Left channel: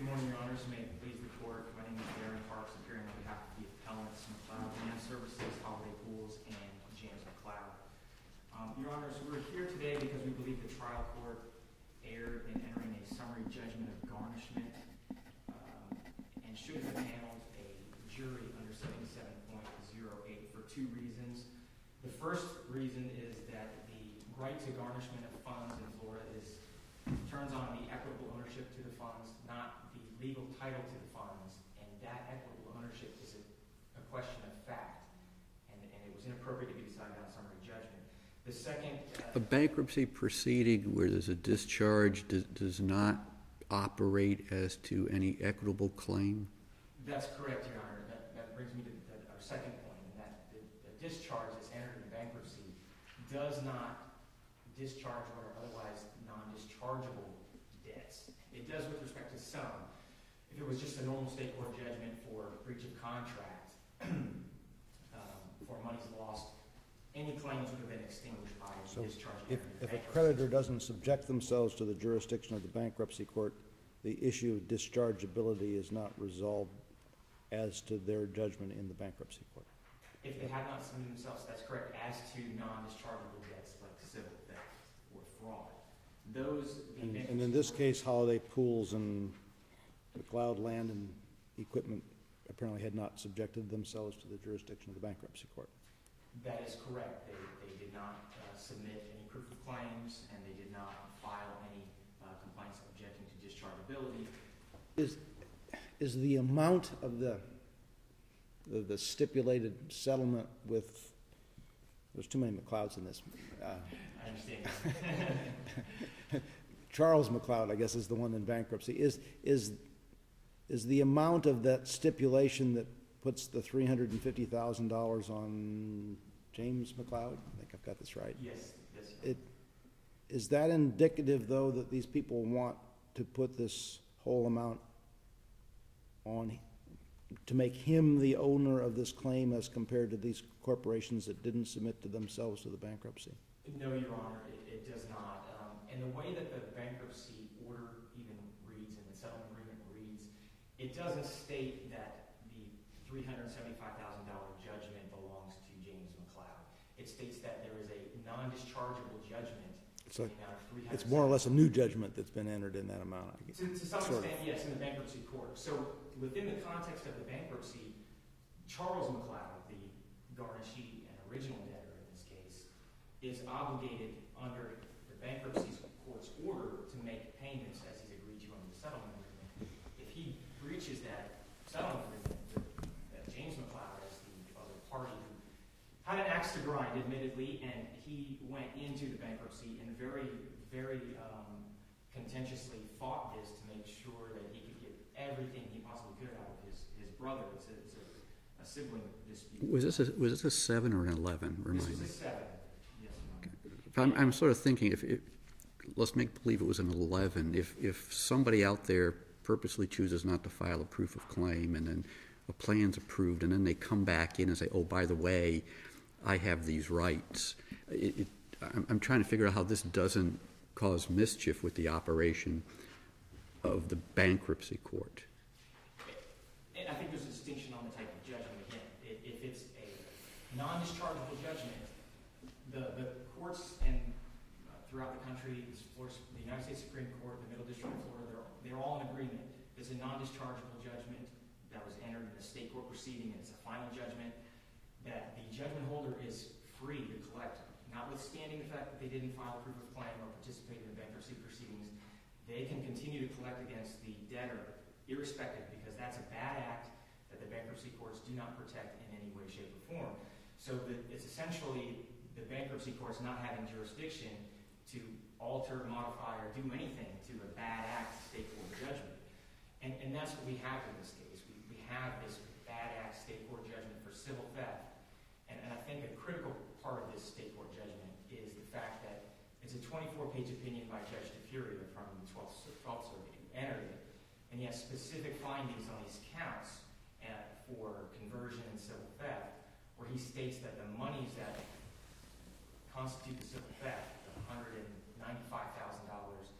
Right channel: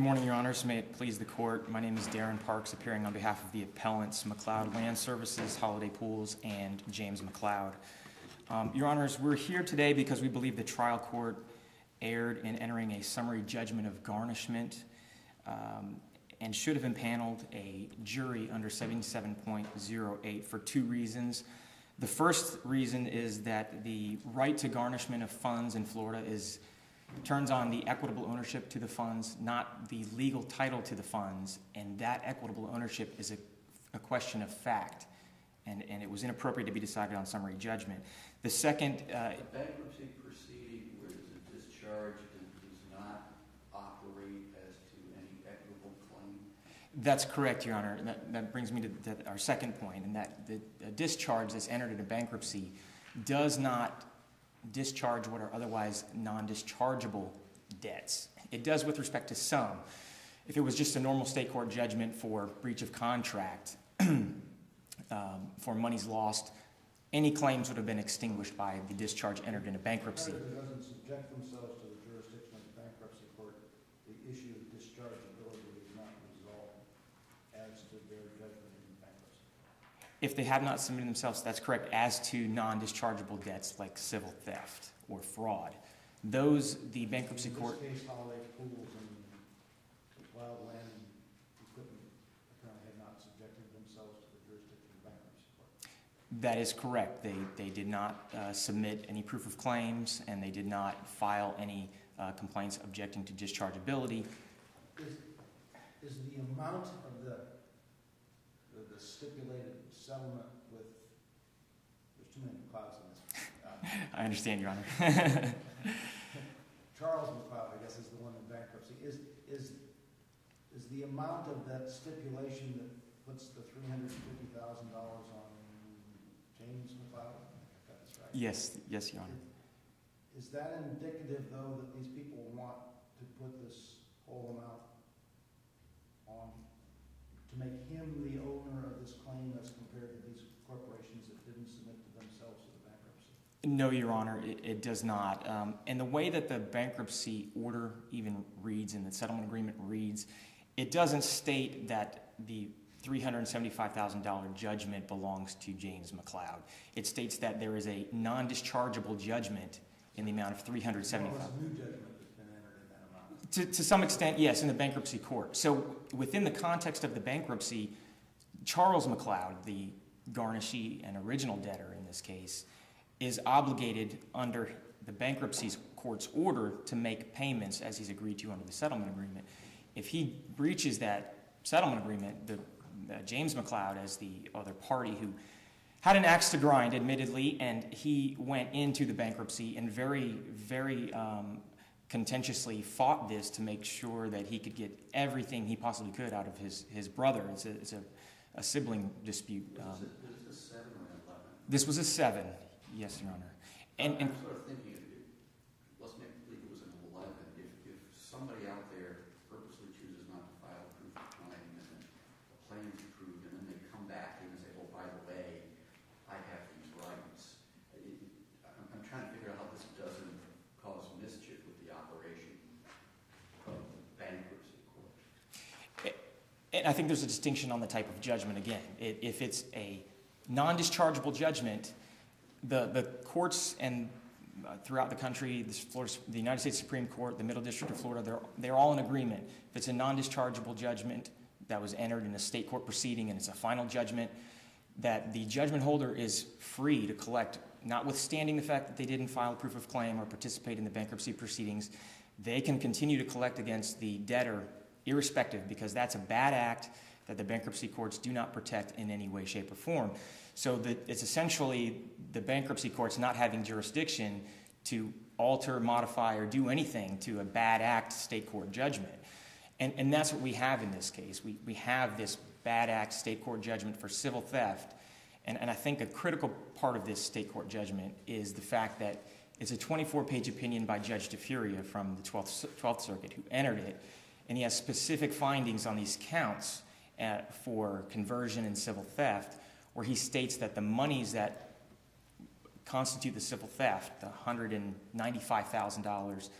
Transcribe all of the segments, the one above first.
Good morning, Your Honors. May it please the Court. My name is Darren Parks, appearing on behalf of the appellants McLeod Land Services, Holiday Pools, and James McLeod. Your Honors, we're here today because we believe the trial court erred in entering a summary judgment of garnishment and should have impaneled a jury under 77.08 for two reasons. The first reason is that the right to garnishment of funds in Florida turns on the equitable ownership to the funds, not the legal title to the funds, and that equitable ownership is a question of fact, and it was inappropriate to be decided on summary judgment. The second... a bankruptcy proceeding where there's a discharge does not operate as to any equitable claim? That's correct, Your Honor. That brings me to our second point, and that the discharge that's entered in a bankruptcy does not discharge what are otherwise non-dischargeable debts. It does with respect to some. If it was just a normal state court judgment for breach of contract, for monies lost, any claims would have been extinguished by the discharge entered in a bankruptcy. If the creditor doesn't subject themselves to the jurisdiction of the bankruptcy court, the issue of dischargeability is not resolved as to their judgment in the bankruptcy court. If they have not submitted themselves, that's correct, as to non-dischargeable debts like civil theft or fraud. Those, the bankruptcy court... In this case, Holiday Pools and McLeod Land and Equipment apparently had not subjected themselves to the jurisdiction of the bankruptcy court. That is correct. They did not submit any proof of claims, and they did not file any complaints objecting to dischargeability. Is the amount of the stipulated settlement with... There's too many McLeods in this. I understand, Your Honor. Charles McLeod, I guess, is the one in bankruptcy. Is the amount of that stipulation that puts the $350,000 on James McLeod? I think I've got this right. Yes, Your Honor. Is that indicative, though, that these people want to put this whole amount on, to make him the owner of this claim as compared to these corporations that didn't submit to themselves to the bankruptcy? No, Your Honor, it does not. And the way that the bankruptcy order even reads and the settlement agreement reads, it doesn't state that the $375,000 judgment belongs to James McLeod. It states that there is a non-dischargeable judgment in the amount of $375,000. It's more or less a new judgment that's been entered in that amount. To some extent, yes, in the bankruptcy court. So within the context of the bankruptcy, Charles McLeod, the garnishee and original debtor in this case, is obligated under the bankruptcy court's order to make payments as he's agreed to under the settlement agreement. If he breaches that settlement agreement, James McLeod, as the other party who had an axe to grind, admittedly, and he went into the bankruptcy and very, very contentiously fought this to make sure that he could get everything he possibly could out of his brother. It's a sibling dispute. Was this a 7 or an 11? This was a 7, yes, Your Honor. I'm sort of thinking, let's make believe it was an 11. If somebody out there purposely chooses not to file a proof of claim and then a plan's approved and then they come back in and say, oh, by the way, I have these rights. I'm trying to figure out how this doesn't cause mischief with the operation of the bankruptcy court. And I think there's a distinction on the type of judgment again. If it's a non-dischargeable judgment, the courts and throughout the country, the United States Supreme Court, the Middle District of Florida, they're all in agreement. If it's a non-dischargeable judgment that was entered in a state court proceeding and it's a final judgment, that the judgment holder is free to collect, notwithstanding the fact that they didn't file a proof of claim or participate in the bankruptcy proceedings, they can continue to collect against the debtor irrespective, because that's a bad act that the bankruptcy courts do not protect in any way, shape, or form. So that it's essentially the bankruptcy courts not having jurisdiction to alter, modify, or do anything to a bad act state court judgment. And that's what we have in this case. We have this bad act state court judgment for civil theft. And I think a critical part of this state court judgment is the fact that it's a 24-page opinion by Judge DeFuria from the 12th Circuit who entered it. And he has specific findings on these counts for conversion and civil theft, where he states that the monies that constitute the civil theft, the $195,000,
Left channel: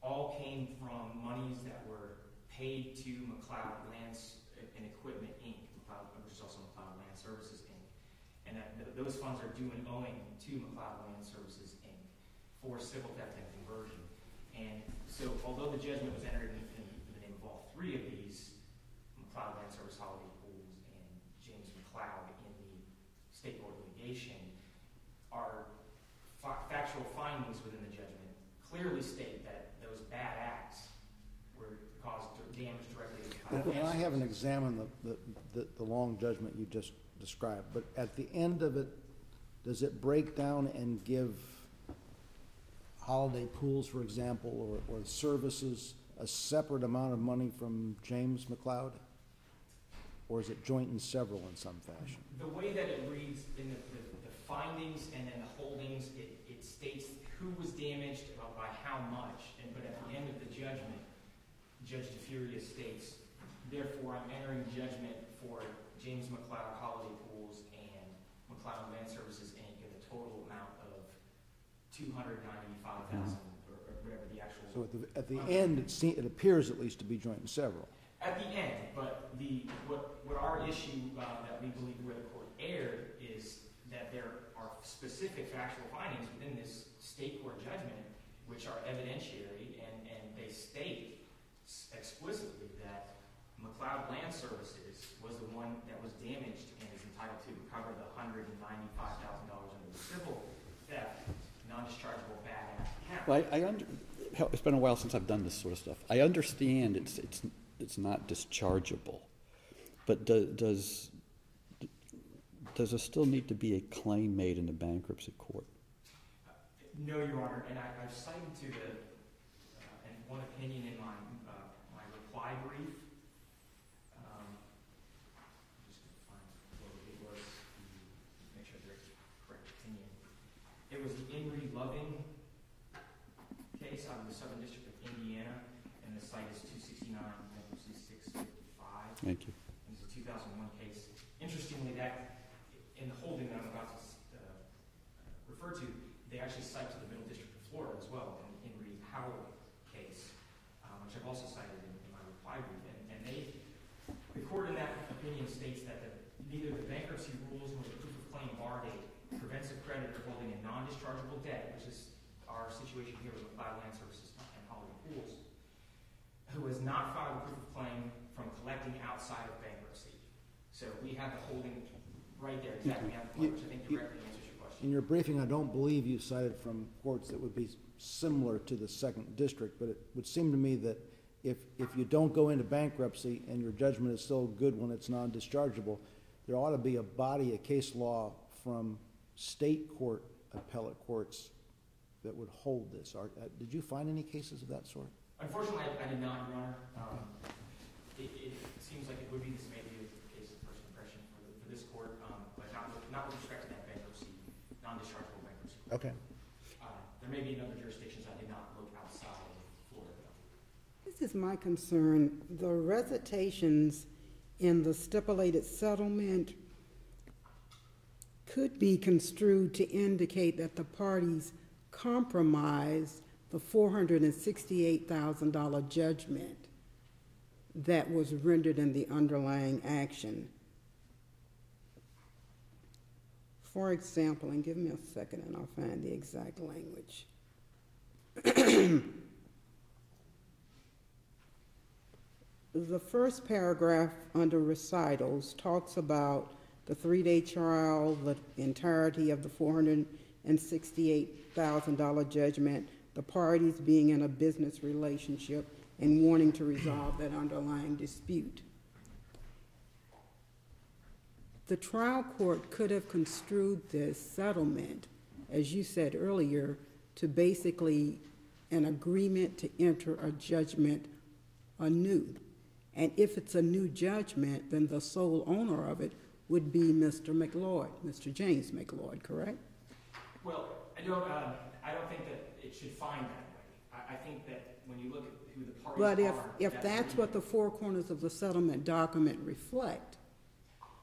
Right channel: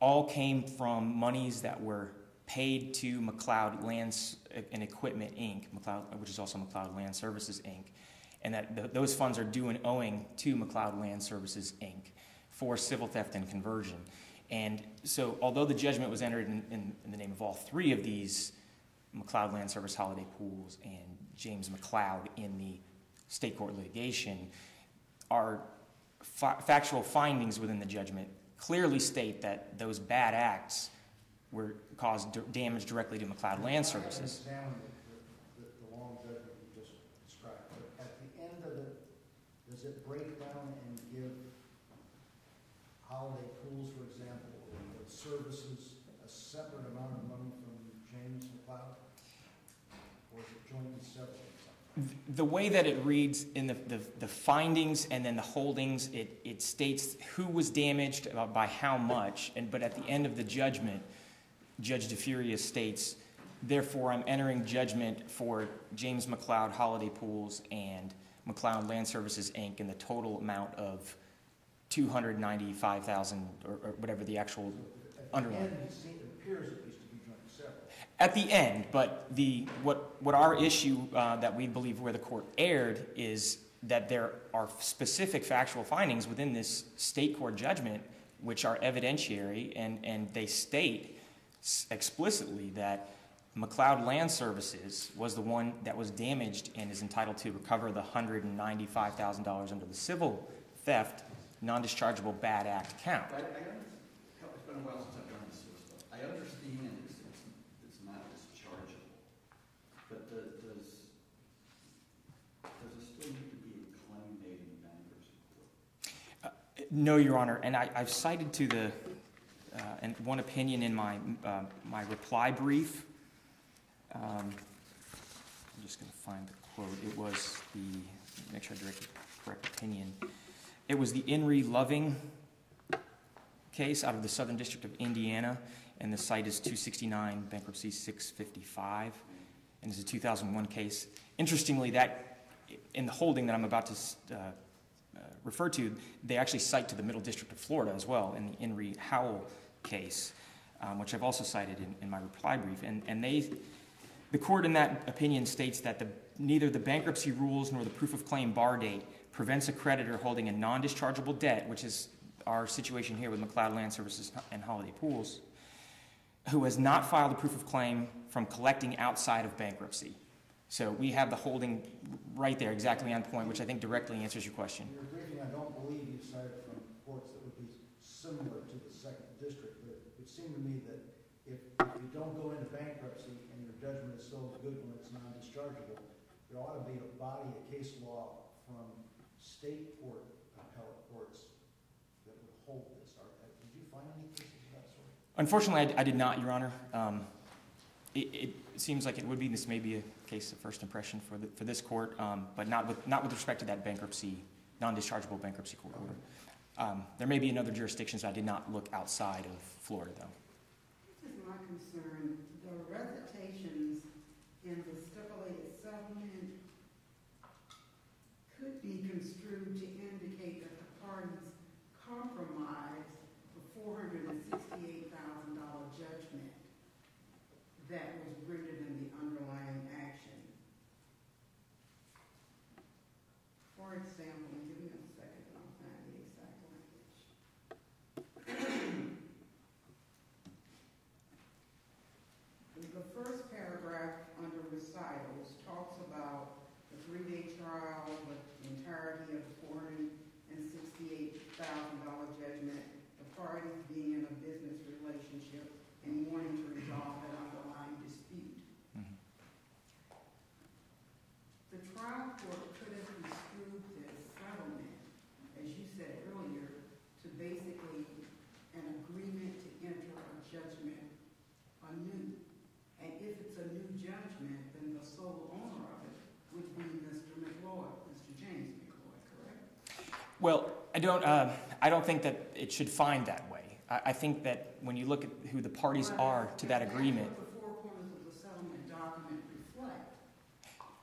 all came from monies that were paid to McLeod Lands and Equipment, Inc., which is also McLeod Land Services, Inc., and that those funds are due and owing to McLeod Land Services, Inc. for civil theft and conversion. And so although the judgment was entered in the name of all three of these, McLeod Land Service Holiday Pools and James McLeod in the state court litigation, our factual findings within the judgment clearly state that those bad acts were caused damage directly to McLeod Land Services. I haven't examined the long judgment you just described, but at the end of it, does it break down and give holiday pools, for example, or services a separate amount of money from James McLeod? Or is it joint and several in some fashion? The way that it reads in the findings and then the holdings, it states who was damaged by how much, but at the end of the judgment, Judge DeFuria states, therefore I'm entering judgment for James McLeod Holiday Pools and McLeod Land Services, Inc. in the total amount of $295,000 or whatever the actual. So at the end, it appears at least to be joint and several. At the end, but what our issue that we believe where the court erred is that there are specific factual findings within this state court judgment which are evidentiary, and they state explicitly that McLeod Land Services was the one that was damaged and is entitled to recover the $195,000 under the civil theft non-dischargeable bad act count. Well, it's been a while since I've done this sort of stuff. I understand it's not dischargeable, but does there still need to be a claim made in the bankruptcy court? No, Your Honor, and I've cited to the and one opinion in my my reply brief. I'm just going to find the quote. It was make sure I direct the correct opinion. It was the Inree Loving case out of the Southern District of Indiana, and the site is 269 Bankruptcy 655. Thank you. And it's a 2001 case. Interestingly, that in the holding that I'm about to refer to, they actually cite to the Middle District of Florida as well in the Inree Howell case, which I've also cited in my reply brief. And the court in that opinion states that neither the bankruptcy rules nor the proof of claim bar date prevents a creditor holding a non-dischargeable debt, which is our situation here with McLeod Land Services and Holiday Pools, who has not filed a proof of claim from collecting outside of bankruptcy. So we have the holding right there, exactly on point, which I think directly answers your question. In your briefing, I don't believe you cited from courts that would be similar to the second district, but it would seem to me that if you don't go into bankruptcy and your judgment is still good when it's non-dischargeable, there ought to be a body of case law from state court appellate courts that would hold this. Did you find any cases of that sort? Unfortunately, I did not, Your Honor. It seems like it would be. This may be a case of first impression for this court, but not with respect to that bankruptcy, non-dischargeable bankruptcy court. Okay. There may be in other jurisdictions. I did not look outside of Florida, though. This is my concern. The recitations in the stipulated settlement could be construed to indicate that the parties compromised the $468,000 judgment that was rendered in the underlying action. For example, and give me a second and I'll find the exact language. The first paragraph under recitals talks about the 3-day trial, the entirety of the $468,000 judgment, the parties being in a business relationship and wanting to resolve that underlying dispute. Mm-hmm. The trial court could have construed this settlement, as you said earlier, to basically an agreement to enter a judgment anew. And if it's a new judgment, then the sole owner of it would be Mr. McLeod, Mr. James McLeod, correct? Well, I don't think that it should find that way. I think that when you look at who the parties are to that agreement. If that's what the four corners of the settlement document reflect,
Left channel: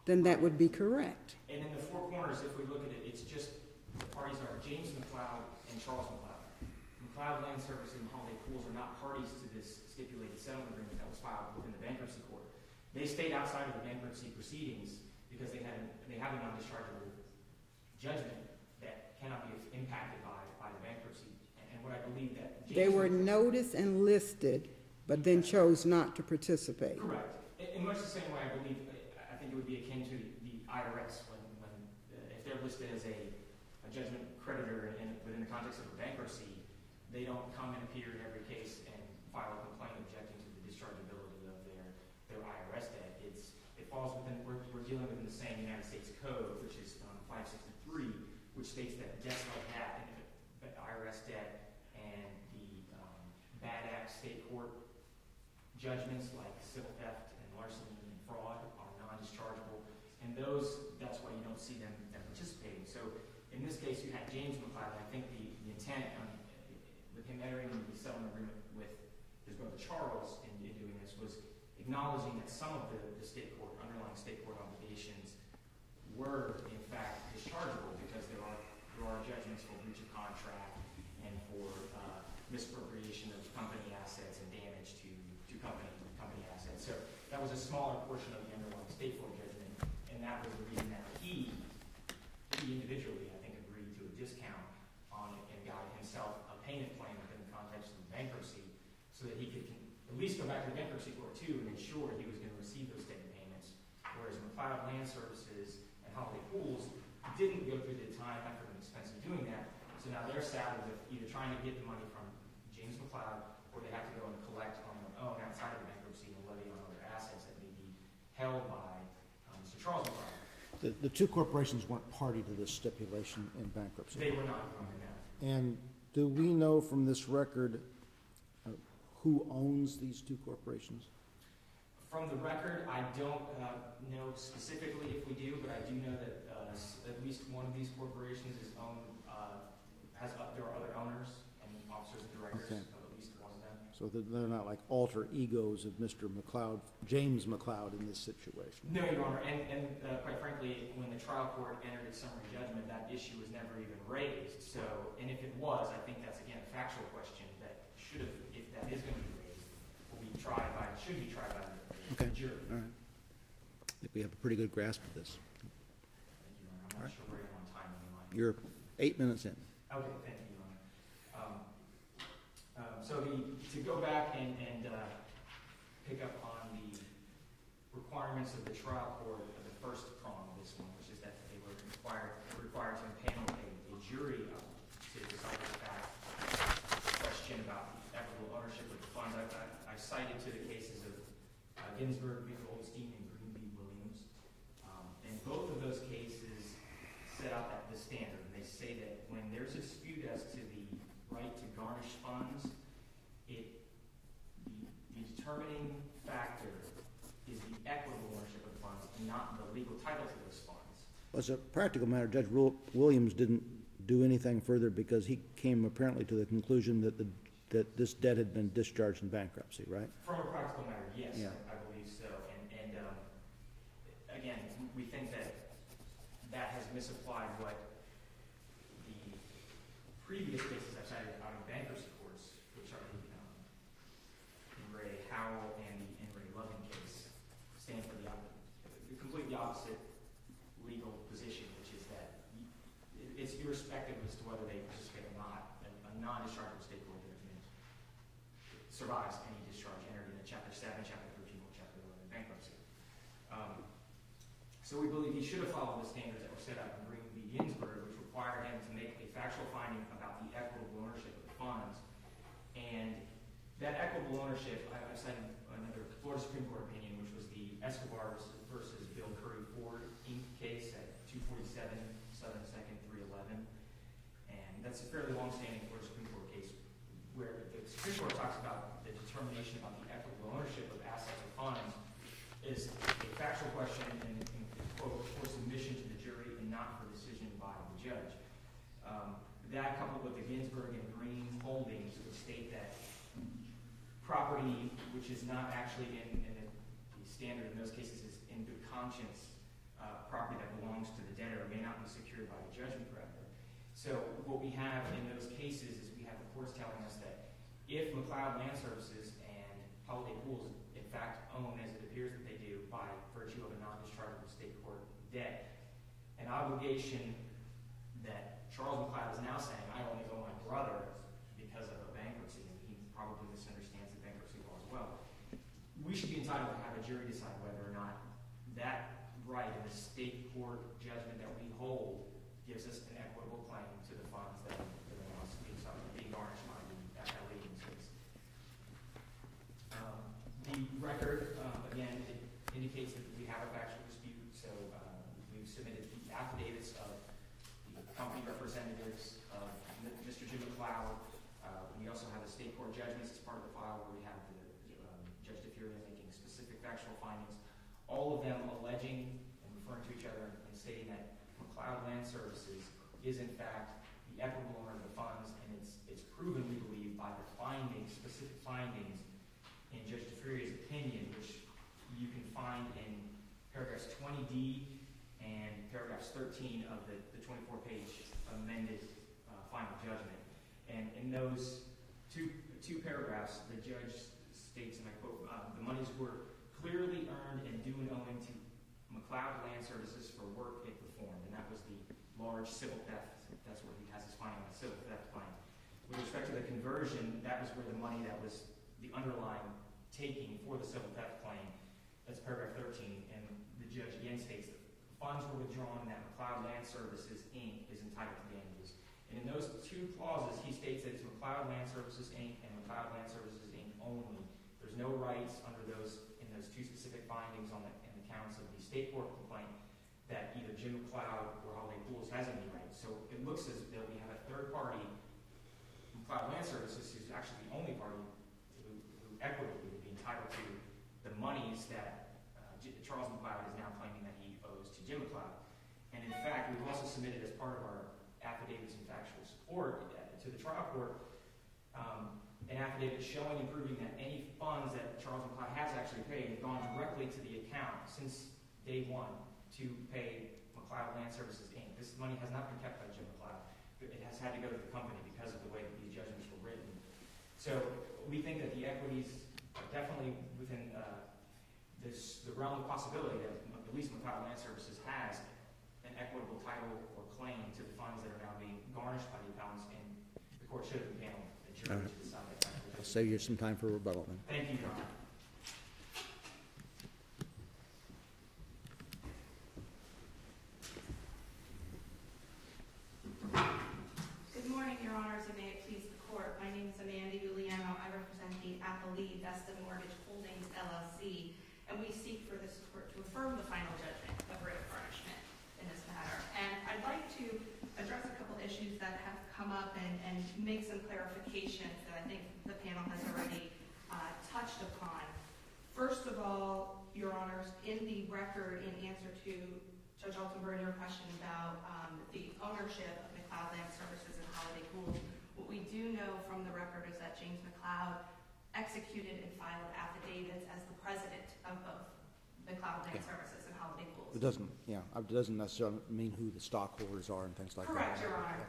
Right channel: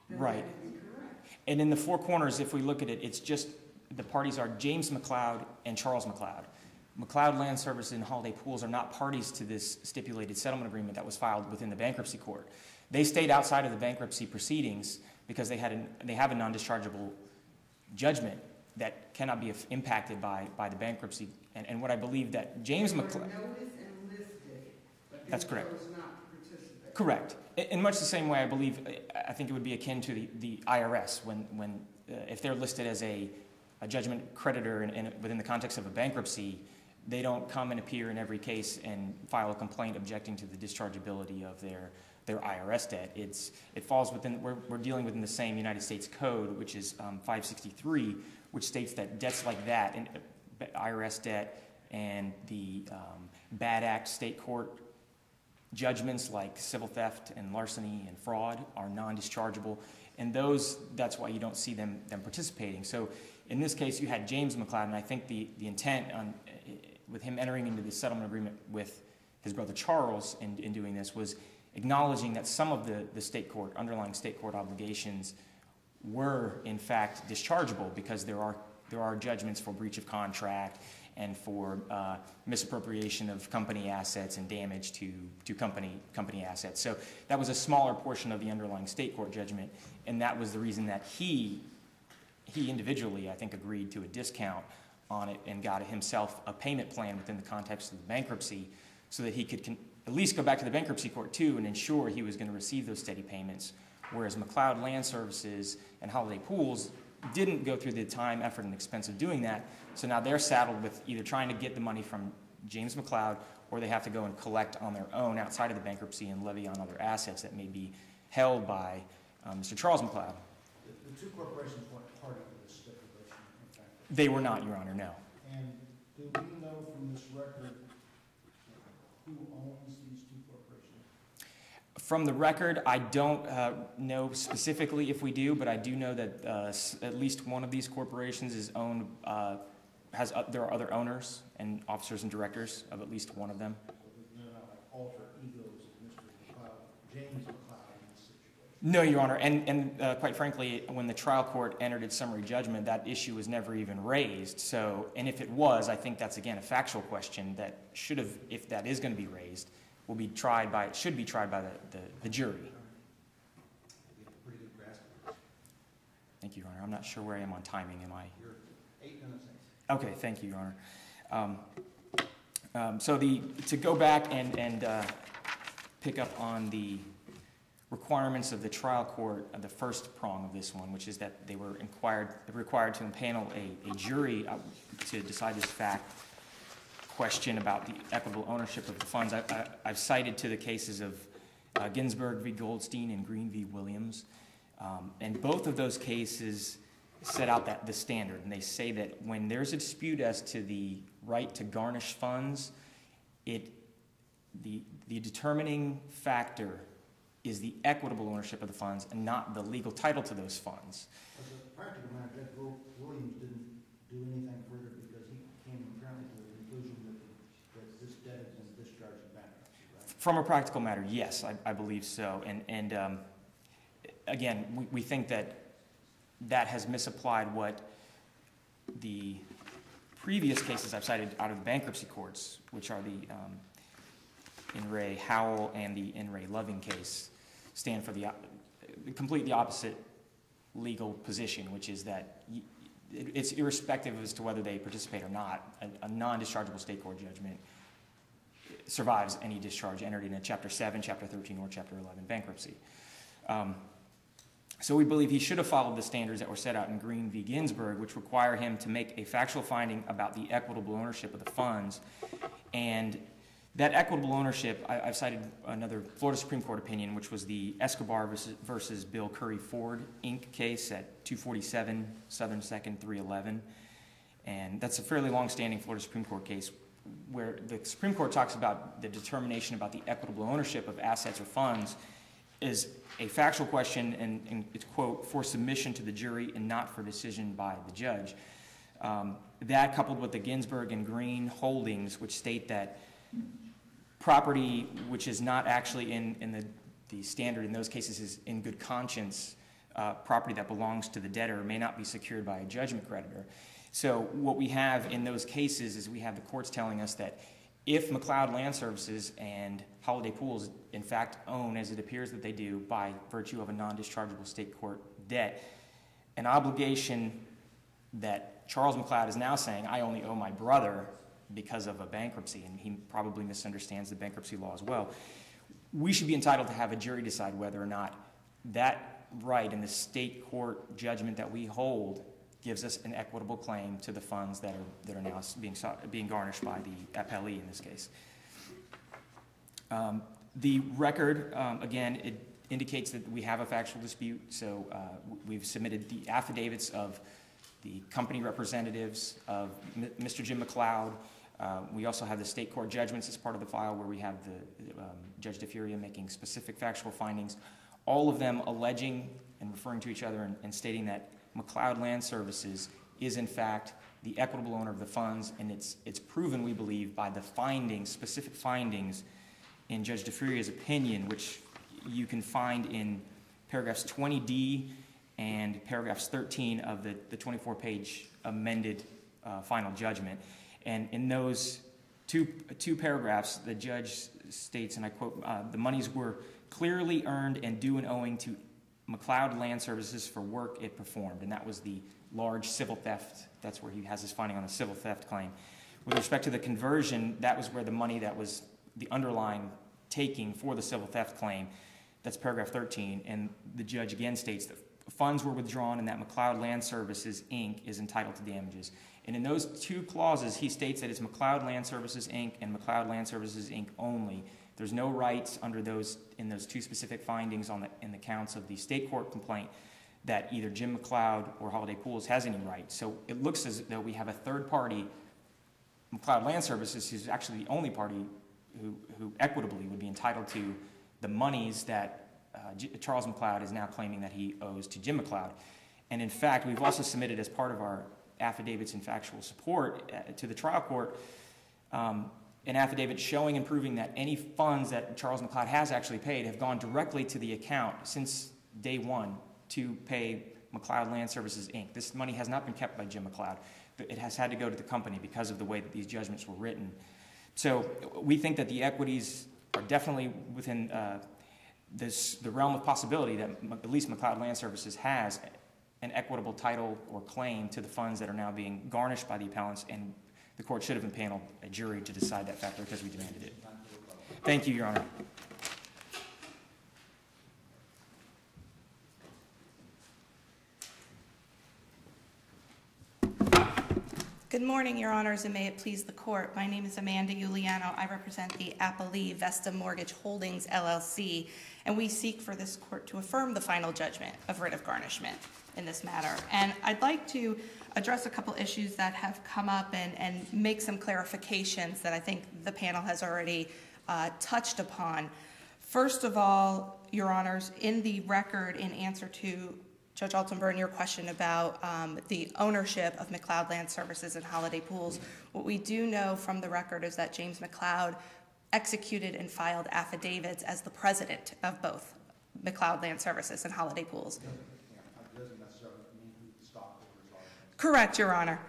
then right. That would be correct. And in the four corners, if we look at it, it's just the parties are James McLeod and Charles McLeod. McLeod Land Services and Holiday Pools are not parties to this stipulated settlement agreement that was filed within the bankruptcy court. They stayed outside of the bankruptcy proceedings because they have a non-dischargeable judgment that cannot be impacted by the bankruptcy. And what I believe that James They were McLeod... noticed and listed, but then chose not to participate. Correct. In much the same way, I think it would be akin to the IRS when if they're listed as a judgment creditor within the context of a bankruptcy, they don't come and appear in every case and file a complaint objecting to the dischargeability of their IRS debt. It falls within, we're dealing within the same United States Code, which is 563, which states that debts like that, and IRS debt and the bad act state court judgments like civil theft and larceny and fraud are non-dischargeable, and that's why you don't see them participating. So in this case, you had James McLeod, and I think the intent with him entering into the settlement agreement with his brother Charles in doing this was acknowledging that some of the underlying state court obligations were in fact dischargeable because there are judgments for breach of contract and for misappropriation of company assets and damage to company assets. So that was a smaller portion of the underlying state court judgment, and that was the reason that he individually, I think, agreed to a discount on it and got himself a payment plan within the context of the bankruptcy so that he could at least go back to the bankruptcy court too and ensure he was going to receive those steady payments, whereas McLeod Land Services and Holiday Pools didn't go through the time, effort, and expense of doing that. So now they're saddled with either trying to get the money from James McLeod, or they have to go and collect on their own outside of the bankruptcy and levy on other assets that may be held by Mr. Charles McLeod. The two corporations weren't party to this stipulation in bankruptcy. They were not, Your Honor, no. And do we know from this record who owns these two corporations? From the record, I don't know specifically if we do, but I do know that at least one of these corporations is owned, there are other owners and officers and directors of at least one of them. So they're not like alter egos of Mr. McLeod, James McLeod in this situation? No, Your Honor, and quite frankly, when the trial court entered its summary judgment, that issue was never even raised. So, and if it was, I think that's again a factual question that should have, if that is going to be raised, should be tried by the jury. All right. I think we have a pretty good grasp of this. Thank you, Your Honor. I'm not sure where I am on timing. Am I? You're 8 minutes in. Okay, thank you, Your Honor. So to go back and pick up on the requirements of the trial court, the first prong of this one, which is that they were required to impanel a jury to decide this fact question about the equitable ownership of the funds. I've cited to the cases of Ginsburg v. Goldstein and Green v. Williams, and both of those cases set out the standard, and they say that when there's a dispute as to the right to garnish funds, the determining factor is the equitable ownership of the funds and not the legal title to those funds. As a practical matter, Judge Williams didn't do anything further because he came apparently to the conclusion that this debt had been discharged in bankruptcy, right? From a practical matter, yes, yeah. I believe so. And again, we think that has misapplied what the previous cases I've cited out of the bankruptcy courts, which are the In re Howell and the In re Loving case, stand for the completely opposite legal position, which is that it's irrespective as to whether they participate or not. A non-dischargeable state court judgment survives any discharge entered in a Chapter 7, Chapter 13, or Chapter 11 bankruptcy. So we believe he should have followed the standards that were set out in Green v. Ginsburg, which require him to make a factual finding about the equitable ownership of the funds. And that equitable ownership, I've cited another Florida Supreme Court opinion, which was the Escobar versus Bill Curry Ford, Inc. case at 247 Southern 2nd 311. And that's a fairly long-standing Florida Supreme Court case where the Supreme Court talks about the determination about the equitable ownership of assets or funds is a factual question, and it's, quote, for submission to the jury and not for decision by the judge. That coupled with the Ginsburg and Green holdings, which state that property which is not actually in the standard in those cases is in good conscience, property that belongs to the debtor may not be secured by a judgment creditor. So what we have in those cases is we have the courts telling us that if McLeod Land Services and Holiday Pools in fact own, as it appears that they do by virtue of a non-dischargeable state court debt, an obligation that Charles McLeod is now saying, I only owe my brother because of a bankruptcy, and he probably misunderstands the bankruptcy law as well, we should be entitled to have a jury decide whether or not that right in the state court judgment that we hold gives us an equitable claim to the funds that are now being garnished by the FLE in this case. The record, again, it indicates that we have a factual dispute, so we've submitted the affidavits of the company representatives of Mr. Jim McLeod. We also have the state court judgments as part of the file where we have the Judge DeFuria making specific factual findings, all of them alleging and referring to each other and stating that McLeod Land Services is in fact the equitable owner of the funds, and it's proven, we believe, by the findings, specific findings in Judge DeFuria's opinion, which you can find in paragraphs 20D and paragraphs 13 of the 24-page amended final judgment. And in those two paragraphs, the judge states, and I quote, the monies were clearly earned and due and owing to McLeod Land Services for work it performed, and that was the large civil theft. That's where he has his finding on the civil theft claim. With respect to the conversion, that was where the money that was the underlying taking for the civil theft claim, that's paragraph 13, and the judge again states that funds were withdrawn and that McLeod Land Services, Inc. is entitled to damages. And in those two clauses, he states that it's McLeod Land Services, Inc. and McLeod Land Services, Inc. only. There's no rights under those, in those two specific findings in the counts of the state court complaint that either Jim McLeod or Holiday Pools has any rights. So it looks as though we have a third party, McLeod Land Services, who's actually the only party who equitably would be entitled to the monies that Charles McLeod is now claiming that he owes to Jim McLeod. And in fact, we've also submitted as part of our affidavits and factual support to the trial court an affidavit showing and proving that any funds that Charles McLeod has actually paid have gone directly to the account since day one to pay McLeod Land Services, Inc. This money has not been kept by Jim McLeod. It has had to go to the company because of the way that these judgments were written. So we think that the equities are definitely within the realm of possibility that at least McLeod Land Services has an equitable title or claim to the funds that are now being garnished by the appellants, and the court should have impaneled a jury to decide that factor. Because we save you some time for rebuttal. Thank you, Your Honor. Good morning, Your Honors, and may it please the court. My name is Amanda Giuliano. I represent the Appellee Vesta Mortgage Holdings, LLC, and we seek for this court to affirm the final judgment of writ of garnishment in this matter. And I'd like to address a couple issues that have come up and make some clarifications that I think the panel has already touched upon. First of all, Your Honors, in the record in answer to Judge Altenburn, your question about the ownership of McLeod Land Services and Holiday Pools, what we do know from the record is that James McLeod executed and filed affidavits as the president of both McLeod Land Services and Holiday Pools. It doesn't necessarily mean who the stockholders are and things like that. Correct, Your Honor.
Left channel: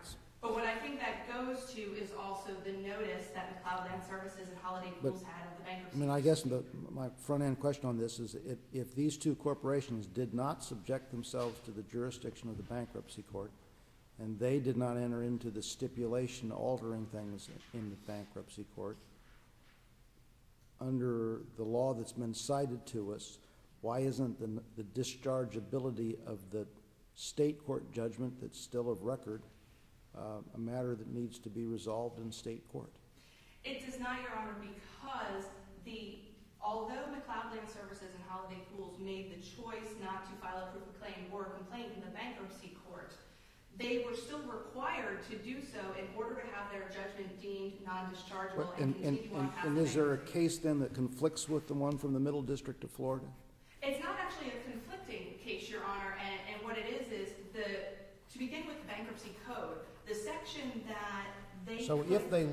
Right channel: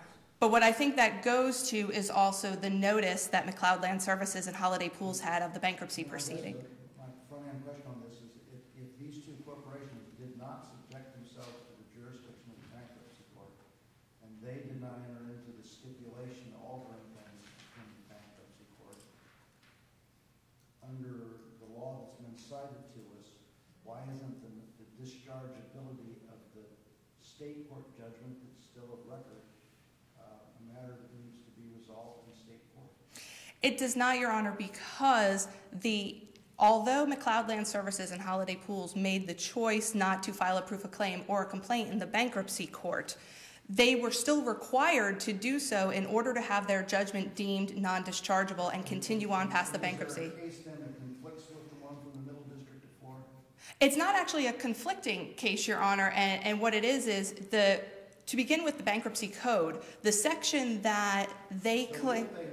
But what I think that goes to is also the notice that McLeod Land Services and Holiday Pools had of the bankruptcy proceeding. I guess my front-end question on this is if these two corporations did not subject themselves to the jurisdiction of the bankruptcy court, and they did not enter into the stipulation altering things in the bankruptcy court, under the law that's been cited to us, why isn't the dischargeability of the state court judgment that's still of record a matter that needs to be resolved in state court? It does not, Your Honor, because although McLeod Land Services and Holiday Pools made the choice not to file a proof of claim or a complaint in the bankruptcy court, they were still required to do so in order to have their judgment deemed non-dischargeable and continue on past the bankruptcy. Is there a case then that conflicts with the one from the Middle District of Florida? It's not actually a conflicting case, Your Honor, and what it is to begin with the bankruptcy code, the section that they So if they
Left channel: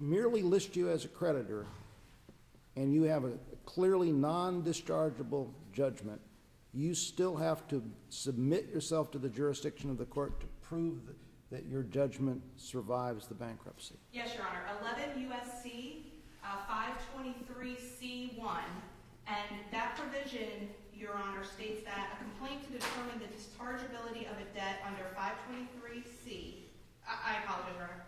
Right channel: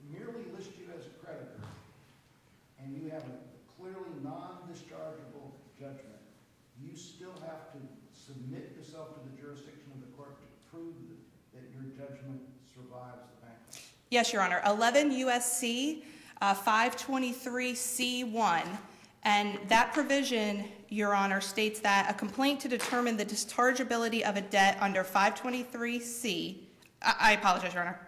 merely list you as a creditor, and you have a clearly non-dischargeable judgment, you still have to submit yourself to the jurisdiction of the court to prove that your judgment survives the bankruptcy? Yes, Your Honor. 11 U.S.C. 523C1, and that provision, Your Honor, states that a complaint to determine the dischargeability of a debt under 523C, I apologize, Your Honor,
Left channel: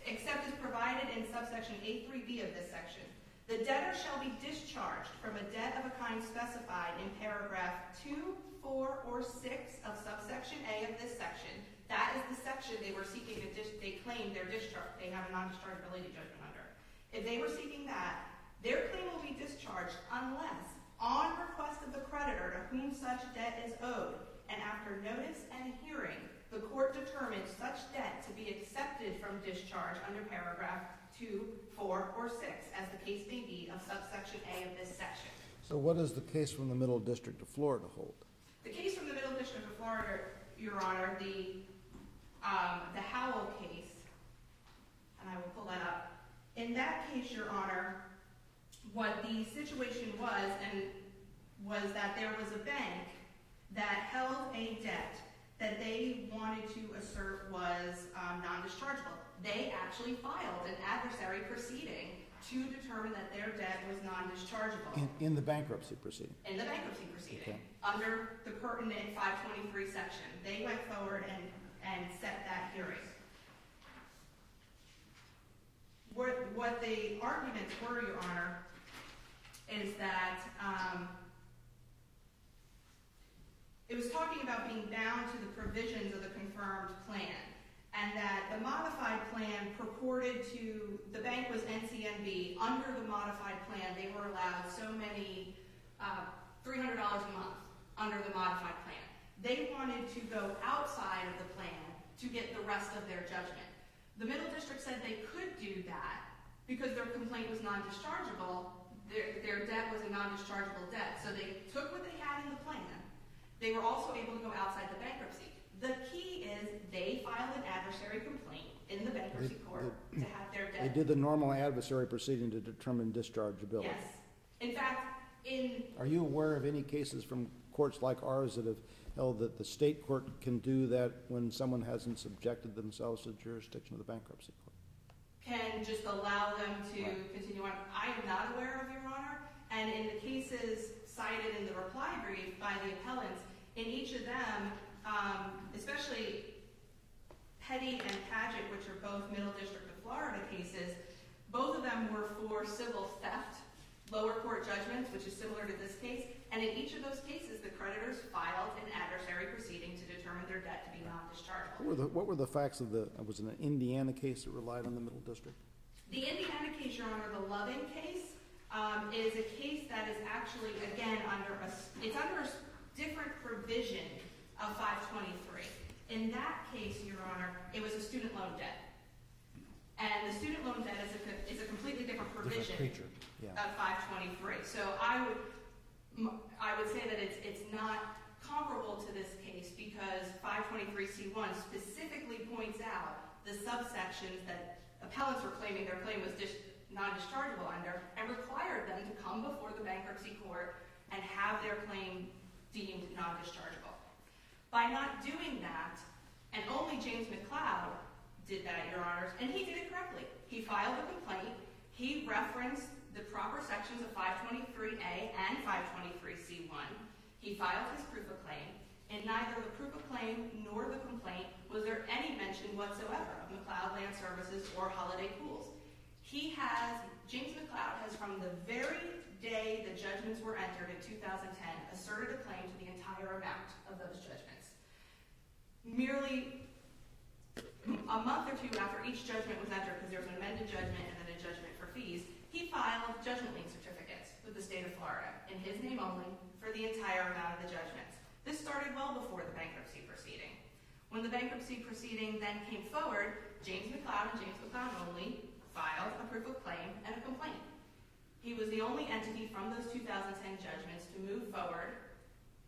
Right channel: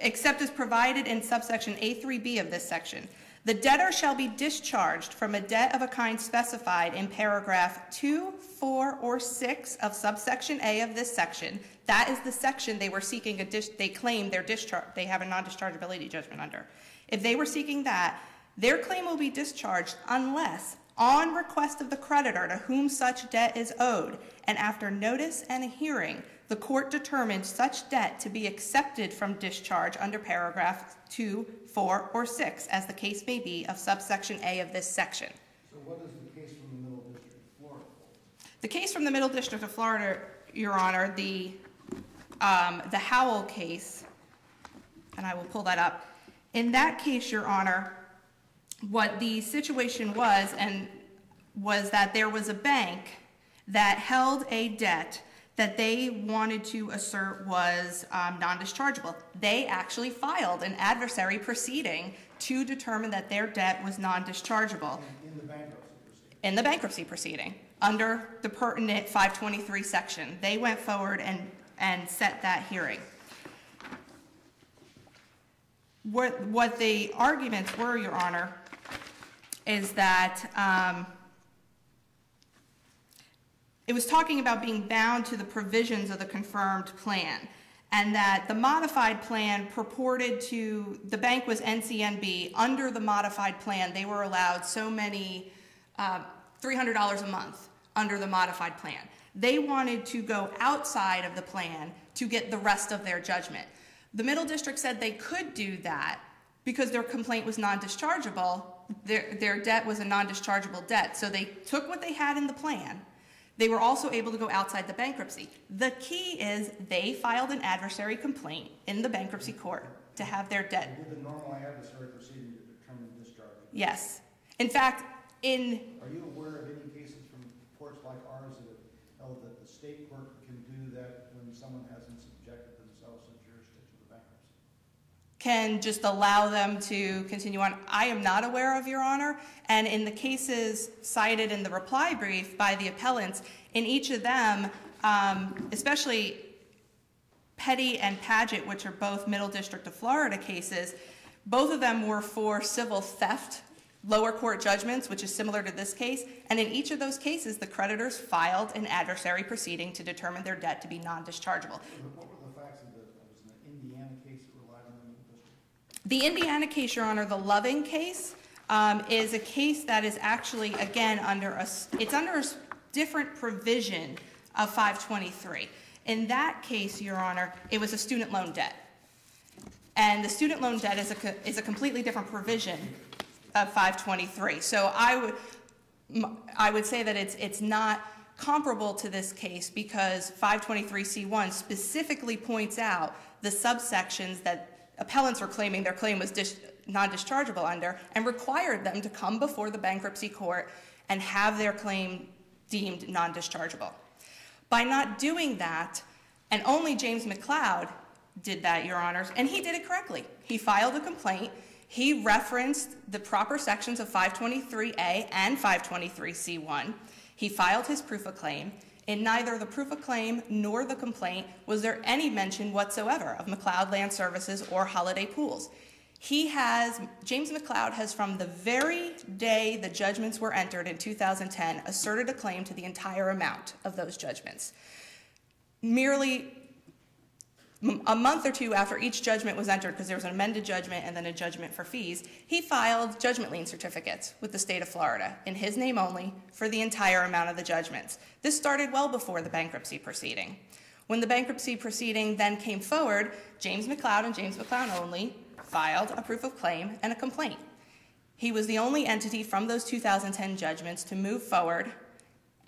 except as provided in subsection A3B of this section. The debtor shall be discharged from a debt of a kind specified in paragraph 2, 4, or 6 of subsection A of this section. That is the section they were seeking they claim their discharge, they have a non-dischargeability judgment under. If they were seeking that, their claim will be discharged unless, on request of the creditor to whom such debt is owed, and after notice and a hearing, the court determines such debt to be accepted from discharge under paragraph 2, 4, or 6, as the case may be, of subsection A of this section. So what does the case from the Middle District of Florida hold? The case from the Middle District of Florida, Your Honor, the Howell case, and I will pull that up. In that case, Your Honor, what the situation was that there was a bank that held a debt that they wanted to assert was non-dischargeable. They actually filed an adversary proceeding to determine that their debt was non-dischargeable. In the bankruptcy proceeding? In the bankruptcy proceeding, under the pertinent 523 section. They went forward and set that hearing. What the arguments were, Your Honor, is that it was talking about being bound to the provisions of the confirmed plan, and that the modified plan purported to, the bank was NCNB, under the modified plan they were allowed so many, $300 a month under the modified plan. They wanted to go outside of the plan to get the rest of their judgment. The Middle District said they could do that because their complaint was non-dischargeable. Their debt was a non-dischargeable debt. So they took what they had in the plan. They were also able to go outside the bankruptcy. The key is they filed an adversary complaint in the bankruptcy court to have their debt. They did the normal adversary proceeding to determine dischargeability. Yes. In fact, Are you aware of any cases from courts like ours that have held that the state court can do that when someone hasn't subjected themselves to the jurisdiction of the bankruptcy court? Can just allow them to continue on? I am not aware of, Your Honor. And in the cases cited in the reply brief by the appellants, in each of them, especially Petty and Paget, which are both Middle District of Florida cases, both of them were for civil theft, lower court judgments, which is similar to this case. And in each of those cases, the creditors filed an adversary proceeding to determine their debt to be non-dischargeable. What were the facts of was it an Indiana case that relied on the Middle District? The Indiana case, Your Honor, the Loving case, is a case that is actually, again, under a different provision of 523. In that case, Your Honor, it was a student loan debt. And the student loan debt is a completely different provision of 523. So I would say that it's not comparable to this case because 523C1 specifically points out the subsections that appellants were claiming their claim was non-dischargeable under and required them to come before the bankruptcy court and have their claim deemed non-dischargeable. By not doing that, and only James McLeod did that, Your Honors, and he did it correctly. He filed a complaint. He referenced the proper sections of 523A and 523C1. He filed his proof of claim. In neither the proof of claim nor the complaint was there any mention whatsoever of McLeod Land Services or Holiday Pools. James McLeod has, from the very day the judgments were entered in 2010, asserted a claim to the entire amount of those judgments. Merely a month or two after each judgment was entered, because there was an amended judgment and then a judgment for fees, he filed judgment lien certificates with the state of Florida, in his name only, for the entire amount of the judgments. This started well before the bankruptcy proceeding. When the bankruptcy proceeding then came forward, James McLeod and James McLeod only filed a proof of claim and a complaint. He was the only entity from those 2010 judgments to move forward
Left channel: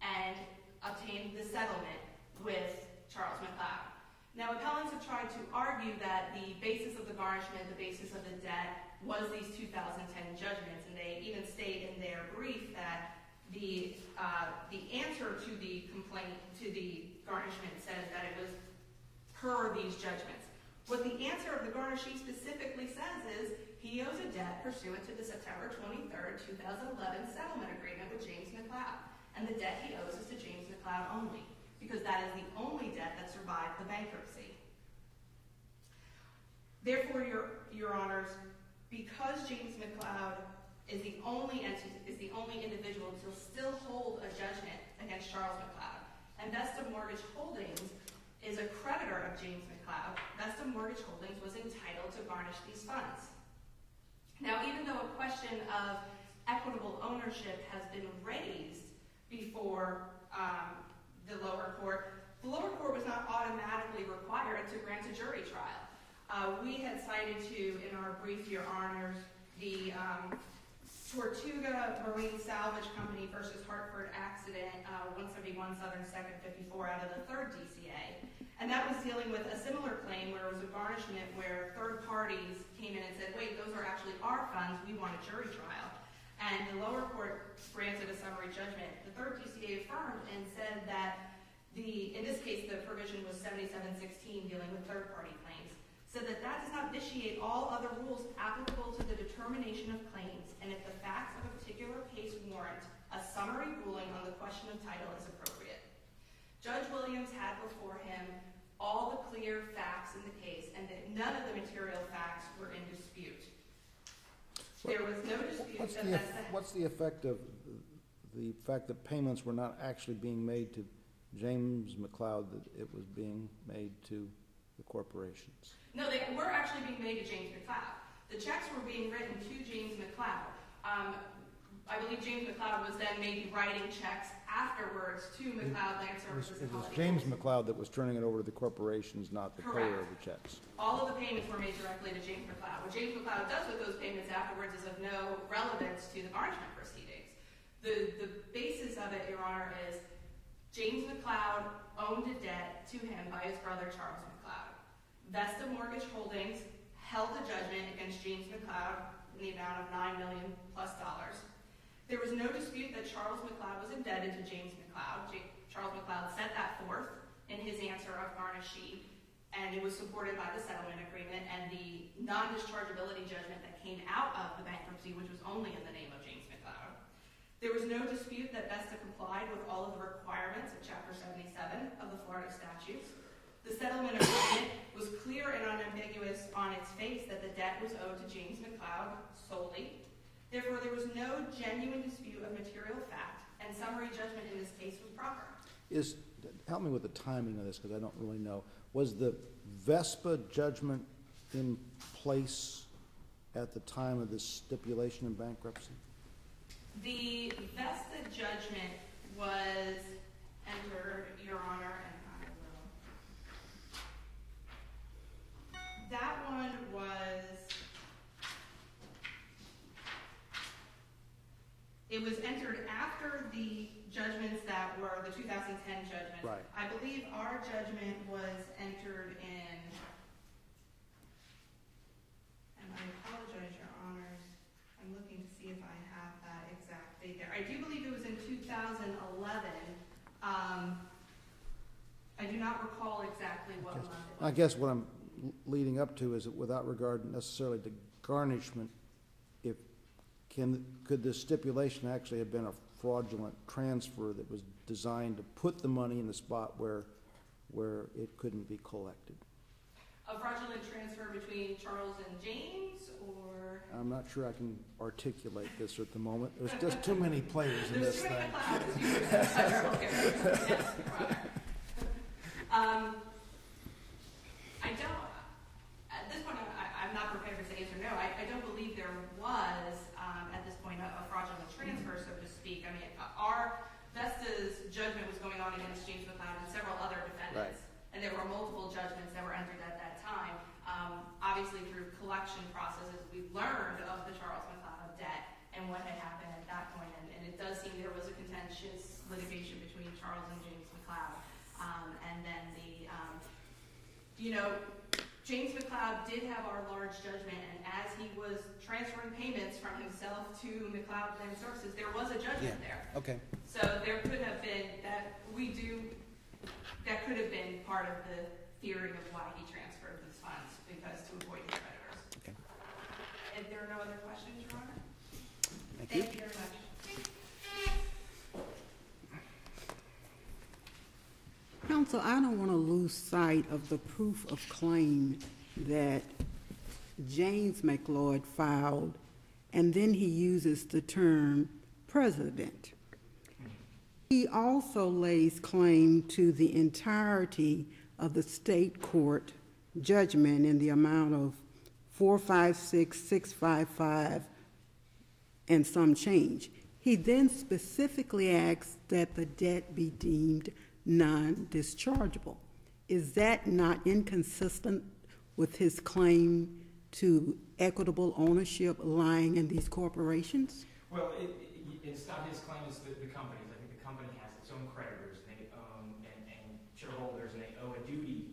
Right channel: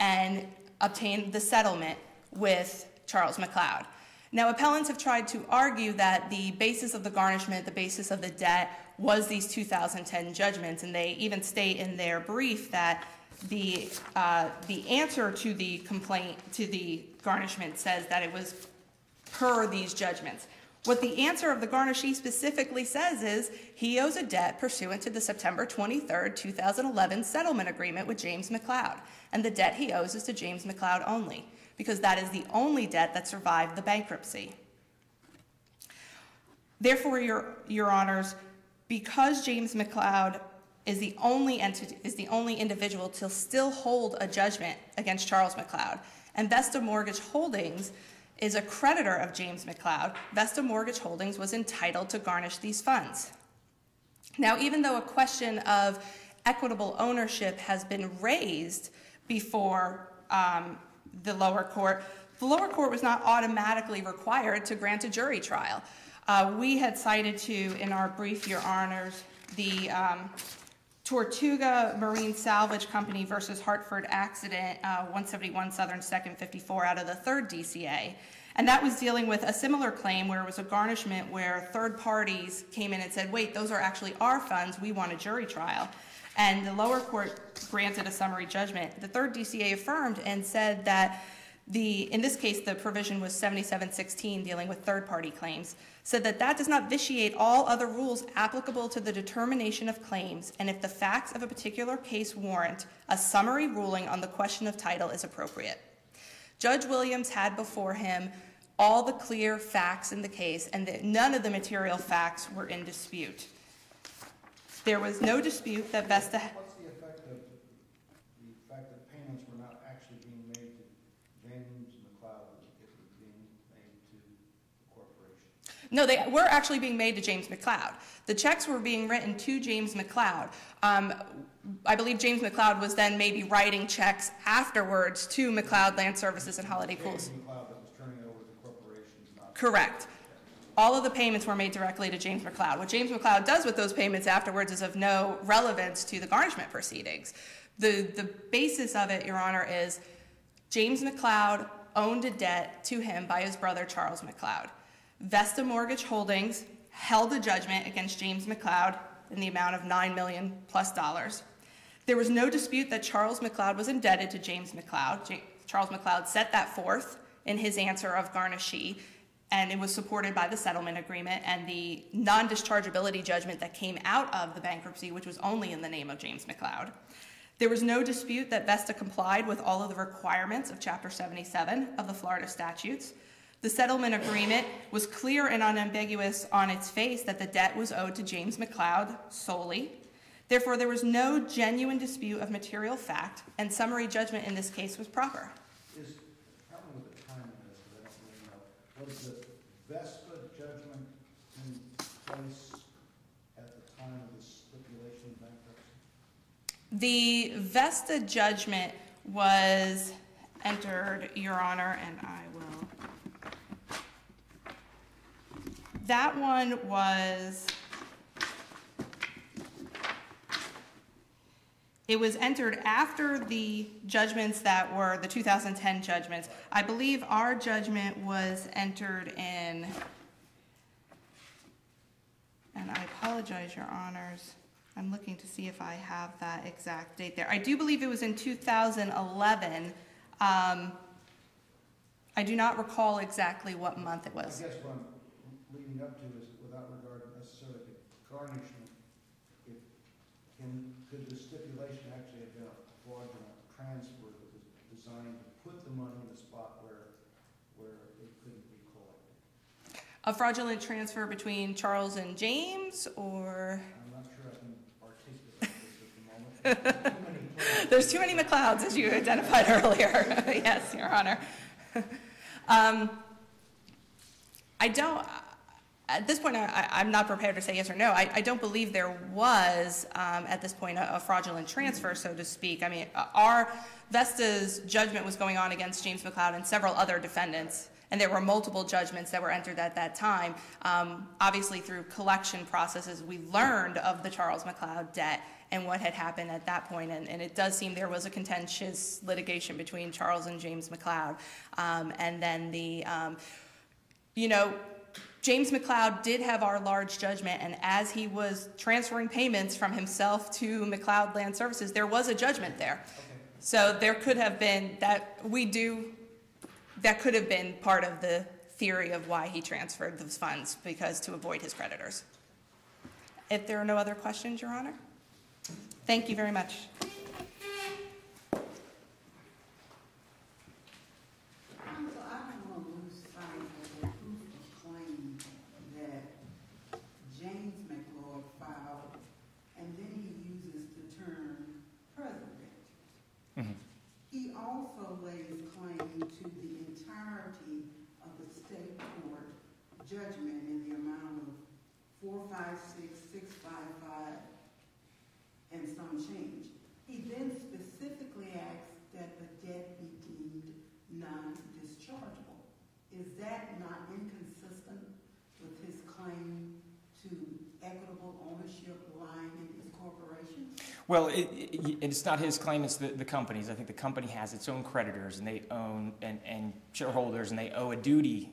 and obtain the settlement with Charles McLeod. Now, appellants have tried to argue that the basis of the garnishment, the basis of the debt, was these 2010 judgments, and they even state in their brief that the answer to the complaint, to the garnishment, says that it was per these judgments. What the answer of the garnishee specifically says is he owes a debt pursuant to the September 23rd, 2011 settlement agreement with James McLeod. And the debt he owes is to James McLeod only, because that is the only debt that survived the bankruptcy. Therefore, your honors, because James McLeod is the only individual to still hold a judgment against Charles McLeod, and Vesta Mortgage Holdings is a creditor of James McLeod, Vesta Mortgage Holdings was entitled to garnish these funds. Now, even though a question of equitable ownership has been raised before the lower court was not automatically required to grant a jury trial. We had cited to, in our brief, your honors, the Tortuga Marine Salvage Company versus Hartford accident, 171 Southern 2nd 54 out of the 3rd DCA. And that was dealing with a similar claim where it was a garnishment where third parties came in and said, wait, those are actually our funds, we want a jury trial. And the lower court granted a summary judgment. The 3rd DCA affirmed and said that in this case, the provision was 7716 dealing with third party claims, said that that does not vitiate all other rules applicable to the determination of claims, and if the facts of a particular case warrant, a summary ruling on the question of title is appropriate. Judge Williams had before him all the clear facts in the case, and that none of the material facts were in dispute. There was no dispute that Vesta... What's the effect of the fact that payments were not actually being made to James McLeod, that it was being made to the corporation? No, they were actually being made to James McLeod. The checks were being written to James McLeod. I believe James McLeod was then maybe writing checks afterwards to McLeod Land Services and Holiday Pools. James McLeod that was turning it over to the corporations, not the correct. The checks. All of the payments were made directly to James McLeod. What James McLeod does with those payments afterwards is of no relevance to the garnishment proceedings. The basis of it, Your Honor, is James McLeod owned a debt to him by his brother Charles McLeod. Vesta Mortgage Holdings held a judgment against James McLeod in the amount of $9 million plus. There was no dispute that Charles McLeod was indebted to James McLeod. Charles McLeod set that forth in his answer of garnishee, and it was supported by the settlement agreement and the non-dischargeability judgment that came out of the bankruptcy, which was only in the name of James McLeod. There was no dispute that Vesta complied with all of the requirements of Chapter 77 of the Florida statutes. The settlement agreement was clear and unambiguous on its face that the debt was owed to James McLeod solely. Therefore, there was no genuine dispute of material fact, and summary judgment in this case was proper. Help me with the timing of this, because I don't really know. Was the VESPA judgment in place at the time of the stipulation in bankruptcy? The Vesta judgment was entered, Your Honor, and I will. That one was. It was entered after the judgments that were the 2010 judgments. Right. I believe our judgment was entered in, and I apologize, Your Honors. I'm looking to see if I have that exact date there. I do believe it was in 2011. I do not recall exactly what month it was. I guess what I'm leading up to is that without regard necessarily to garnishment, could the stipulation actually have been a fraudulent transfer that was designed to put the money in the spot where it couldn't be collected? A fraudulent transfer between Charles and James, or? I'm not sure I can articulate this at the moment. There's just too many players. There's too many McLeods, as you identified earlier. Yes, Your Honor. I don't. At this point, I'm not prepared to say yes or no. I don't believe there was, at this point, a fraudulent transfer, so to speak. I mean, our Vesta's judgment was going on against James McLeod and several other defendants, right. And there were multiple judgments that were entered at that time. Obviously, through collection processes, we learned of the Charles McLeod debt and what had happened at that point, and it does seem there was a contentious litigation between Charles and James McLeod. And then James McLeod did have our large judgment, and as he was transferring payments from himself to McLeod Land Services, there was a judgment there. Okay. So there could have been that could have been part of the theory of why he transferred those funds, because to avoid his creditors. Okay. If there are no other questions, Your Honor, thank you very much. Counsel, I don't want to lose sight of the proof of claim that James McLeod filed, and then he uses the term president. Mhm. He also lays claim to the entirety of the state court judgment in the amount of $456,655 and some change. He then specifically asks that the debt be deemed non-dischargeable. Is that not inconsistent with his claim to equitable ownership lying in these corporations? Well, it's not his claim, it's the company's. I think the company has its own creditors, and they own, and shareholders, and they owe a duty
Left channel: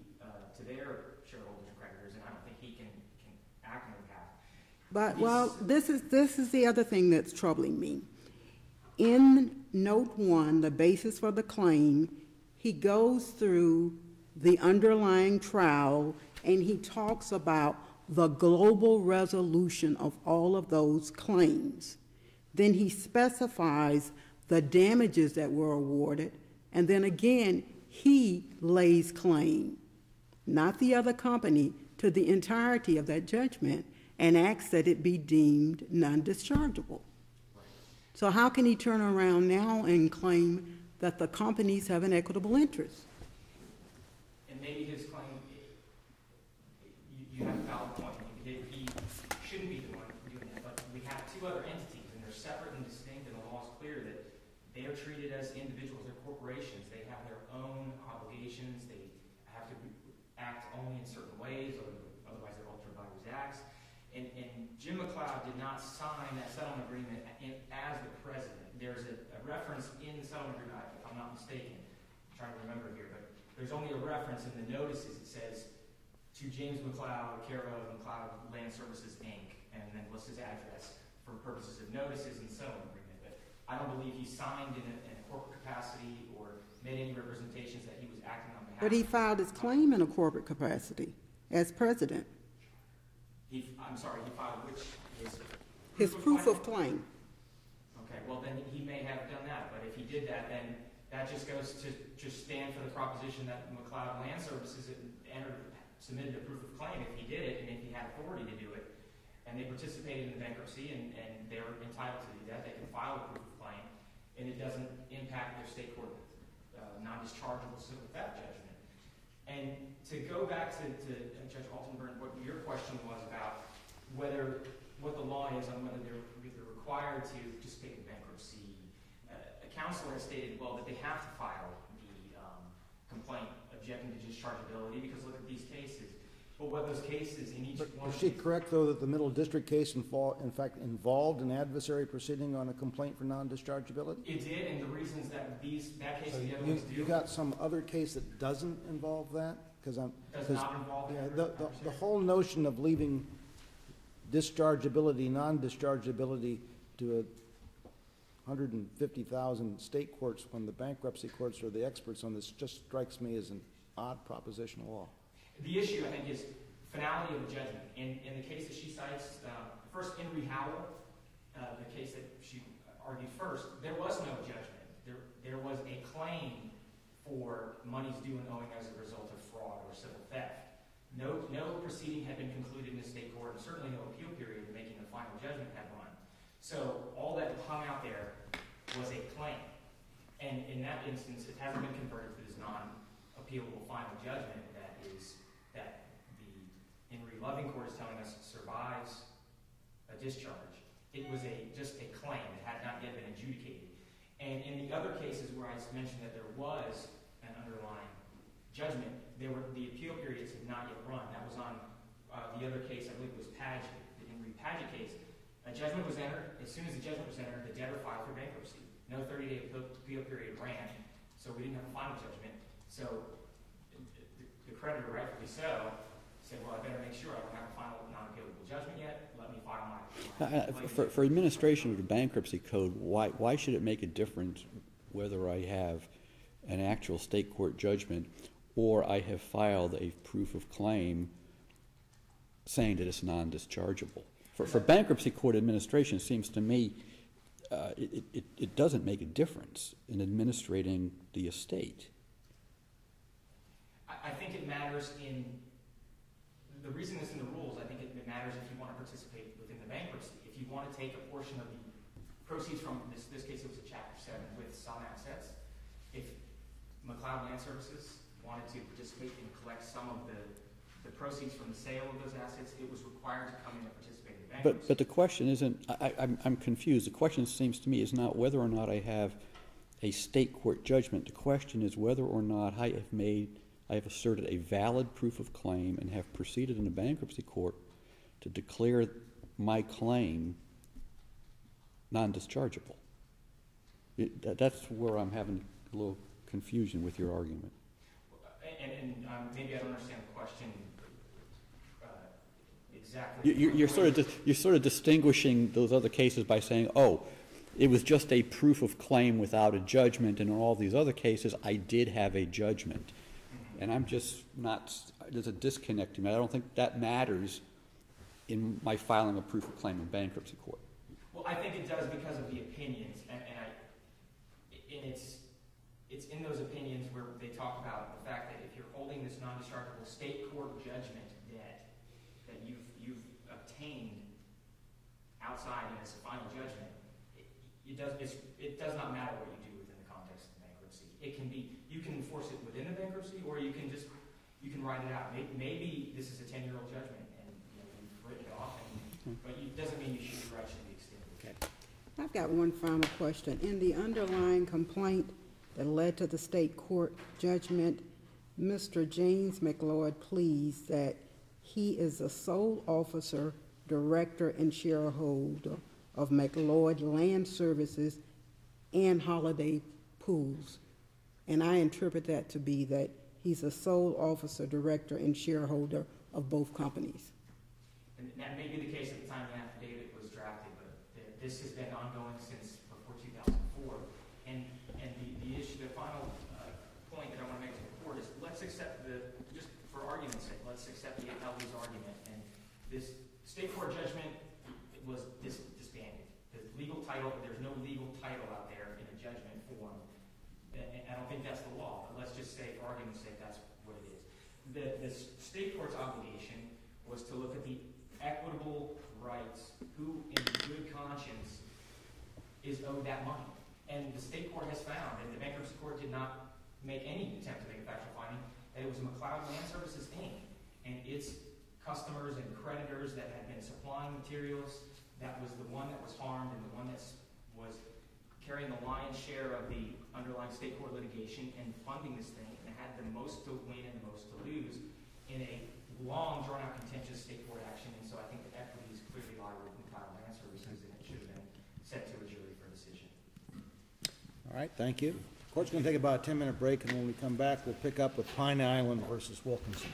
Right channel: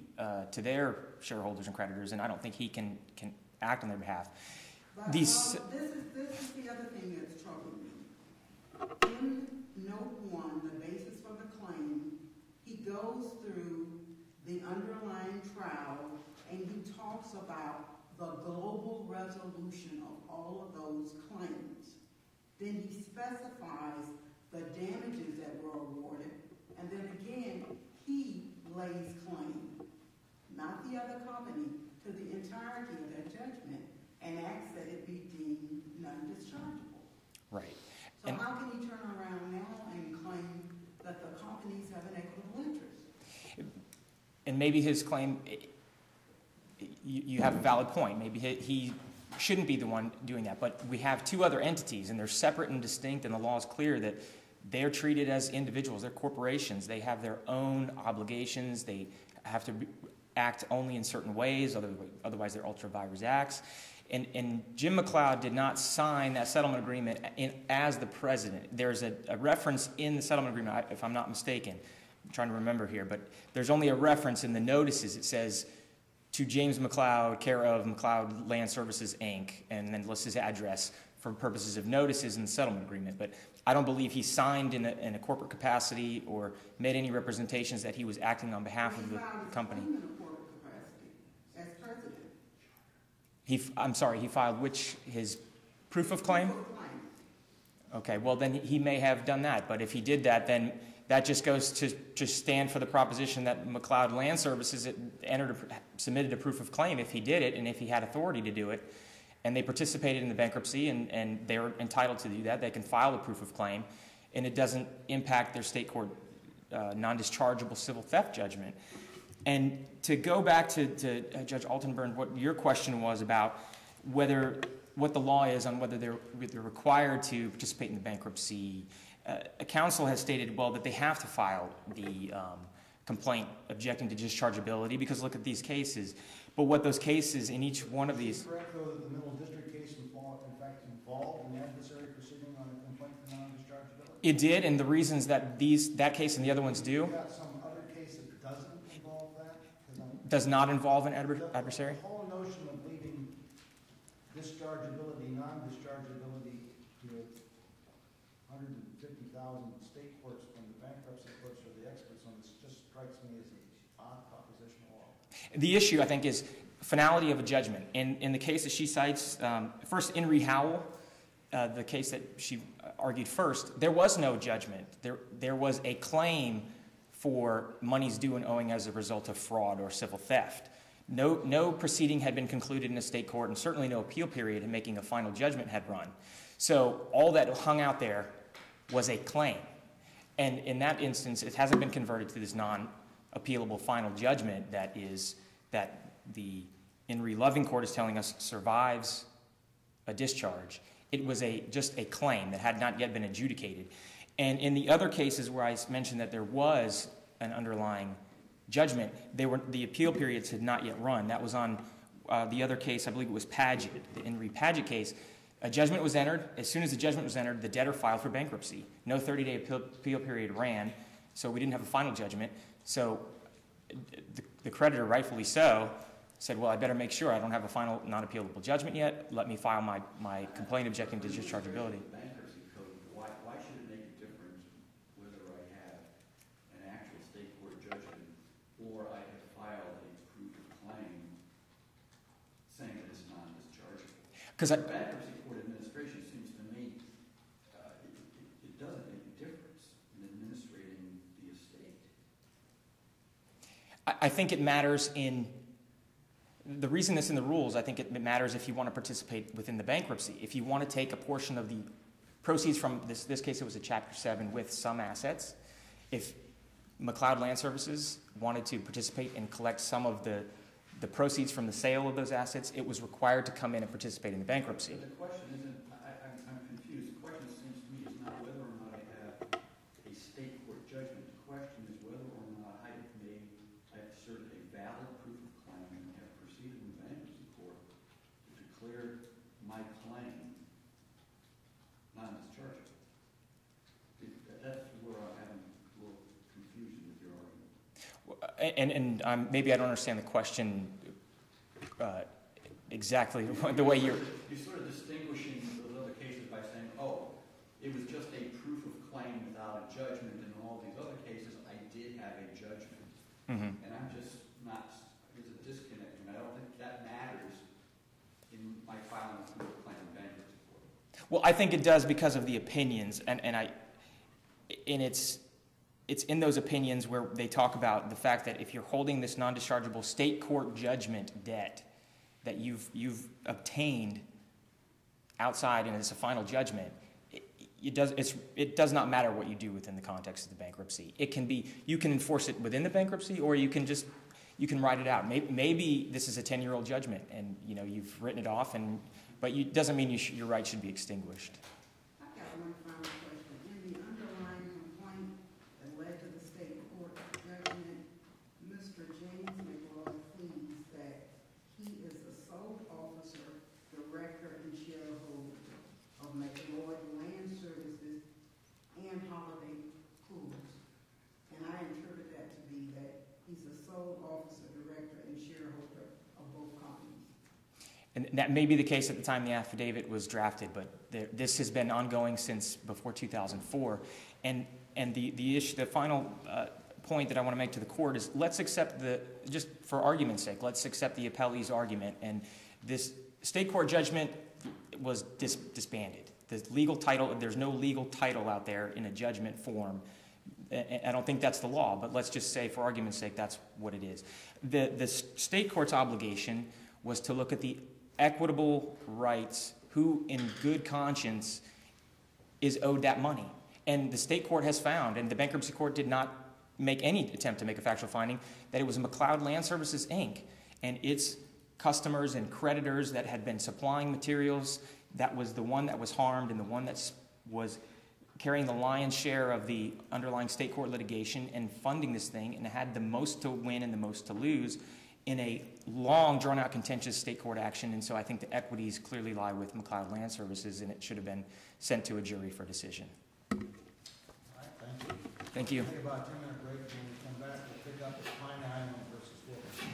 to their shareholders and creditors, and I don't think he can act on their behalf. But, this is the other thing that's troubling me. In Note 1, the basis for the claim, he goes through the underlying trial, and he talks about the global resolution of all of those claims. Then he specifies the damages that were awarded, and then again, he lays claim, not the other company, to the entirety of that judgment and asks that it be deemed non-dischargeable. Right. So how can he turn around now and claim that the companies have an equitable interest? And maybe his claim, you have a valid point. Maybe he shouldn't be the one doing that. But we have two other entities, and they're separate and distinct, and the law is clear that they're treated as individuals. They're corporations. They have their own obligations. They have to act only in certain ways, otherwise they're ultra vires acts. And Jim McLeod did not sign that settlement agreement as the president. There's a reference in the settlement agreement, if I'm not mistaken. I'm trying to remember here, but there's only a reference in the notices. It says, to James McLeod, care of McLeod Land Services, Inc., and then lists his address for purposes of notices in the settlement agreement. But I don't believe he signed in a corporate capacity or made any representations that he was acting on behalf of the company. But he filed his claim in a corporate capacity as president. I'm sorry, he filed his proof of claim? Proof of claim. Okay, well then he may have done that, but if he did that, then that just goes to just stand for the proposition that McLeod Land Services submitted a proof of claim if he did it and if he had authority to do it, and they participated in the bankruptcy and they're entitled to do that. They can file a proof of claim, and it doesn't impact their state court non-dischargeable civil theft judgment. And to go back to Judge Altenburn, what your question was about what the law is on whether they're required to participate in the bankruptcy. A counsel has stated, well, that they have to file the complaint objecting to dischargeability because look at these cases. But what those cases in each one of these... Is it correct, though, that the Middle District case, in fact, involved an adversary proceeding on a complaint for non-dischargeability? It did, and the reasons that that case and the other ones do... You got some other case that doesn't involve that? Does not involve an adversary? The whole notion of leaving dischargeability, non-dischargeability to 150,000 state courts when the bankruptcy courts are the experts on this just strikes me as an odd proposition of law. The issue, I think, is finality of a judgment. In the case that she cites, first, In re Howell, the case that she argued first, there was no judgment. There was a claim for monies due and owing as a result of fraud or civil theft. No proceeding had been concluded in a state court, and certainly no appeal period in making a final judgment had run. So all that hung out there was a claim. And in that instance, it hasn't been converted to this non-appealable final judgment that the In re Loving Court is telling us survives a discharge. It was just a claim that had not yet been adjudicated. And in the other cases where I mentioned that there was an underlying judgment, the appeal periods had not yet run. That was on the other case, I believe it was Paget, the In re Paget case. A judgment was entered. As soon as the judgment was entered, the debtor filed for bankruptcy. No 30-day appeal period ran, so we didn't have a final judgment. So the creditor, rightfully so, said, well, I better make sure I don't have a final non-appealable judgment yet. Let me file my complaint objecting for to administration of dischargeability. the bankruptcy code, why should it make a difference whether I have an actual state court judgment or I have filed a proof of claim saying that it's non-dischargeable. Because for bankruptcy court administration, it seems to me it doesn't make a difference in administrating the estate. I think it matters the reason it's in the rules, I think it matters if you want to participate within the bankruptcy. If you want to take a portion of the proceeds from, this case it was a Chapter 7 with some assets, if McLeod Land Services wanted to participate and collect some of the proceeds from the sale of those assets, it was required to come in and participate in the bankruptcy. But the question isn't, I'm confused. The question seems to me is not whether or not I have a state court judgment. The question is whether or not I have asserted a valid proof of claim and have proceeded in a bankruptcy court to declare my claim non-dischargeable. That's where I'm having a little confusion with your argument. And maybe I don't understand the question exactly the way you're sort of distinguishing those other cases by saying, oh, it was just a proof of claim without a judgment, and in all these other cases, I did have a judgment. Mm-hmm. And I'm just not, there's a disconnect in that. I don't think that matters in my filing a proof of claim in bankruptcy court. Well, I think it does because of the opinions, and it's in those opinions where they talk about the fact that if you're holding this non-dischargeable state court judgment debt that you've obtained outside and it's a final judgment, it does not matter what you do within the context of the bankruptcy. It can be, you can enforce it within the bankruptcy, or you can write it out. Maybe this is a 10-year-old judgment and you've written it off, but it doesn't mean your right should be extinguished. I've got one final question. In the underlying complaint that led to the state court judgment, Mr. James McLeod pleads that he is the sole officer, director, and shareholder of McLeod Land Services and Holiday Pools. And I interpret that to be that he's a sole officer, director, and shareholder of both companies. And that may be the case at the time the affidavit was drafted, but this has been ongoing since before 2004. And the issue, the final point that I want to make to the court is, let's accept just for argument's sake, let's accept the appellee's argument. And this state court judgment was disbanded. The legal title, there's no legal title out there in a judgment form. I don't think that's the law, but let's just say for argument's sake that's what it is. The state court's obligation was to look at the equitable rights, who in good conscience is owed that money. And the state court has found, and the bankruptcy court did not make any attempt to make a factual finding, that it was McLeod Land Services, Inc. and its customers and creditors that had been supplying materials, that was the one that was harmed and the one that was carrying the lion's share of the underlying state court litigation and funding this thing, and had the most to win and the most to lose in a long, drawn-out, contentious state court action. And so I think the equities clearly lie with McLeod Land Services, and it should have been sent to a jury for decision. All right, thank you. Thank you. We'll take about a 10-minute break, and when we come back, we'll pick up with Pine Island versus Wilkinson.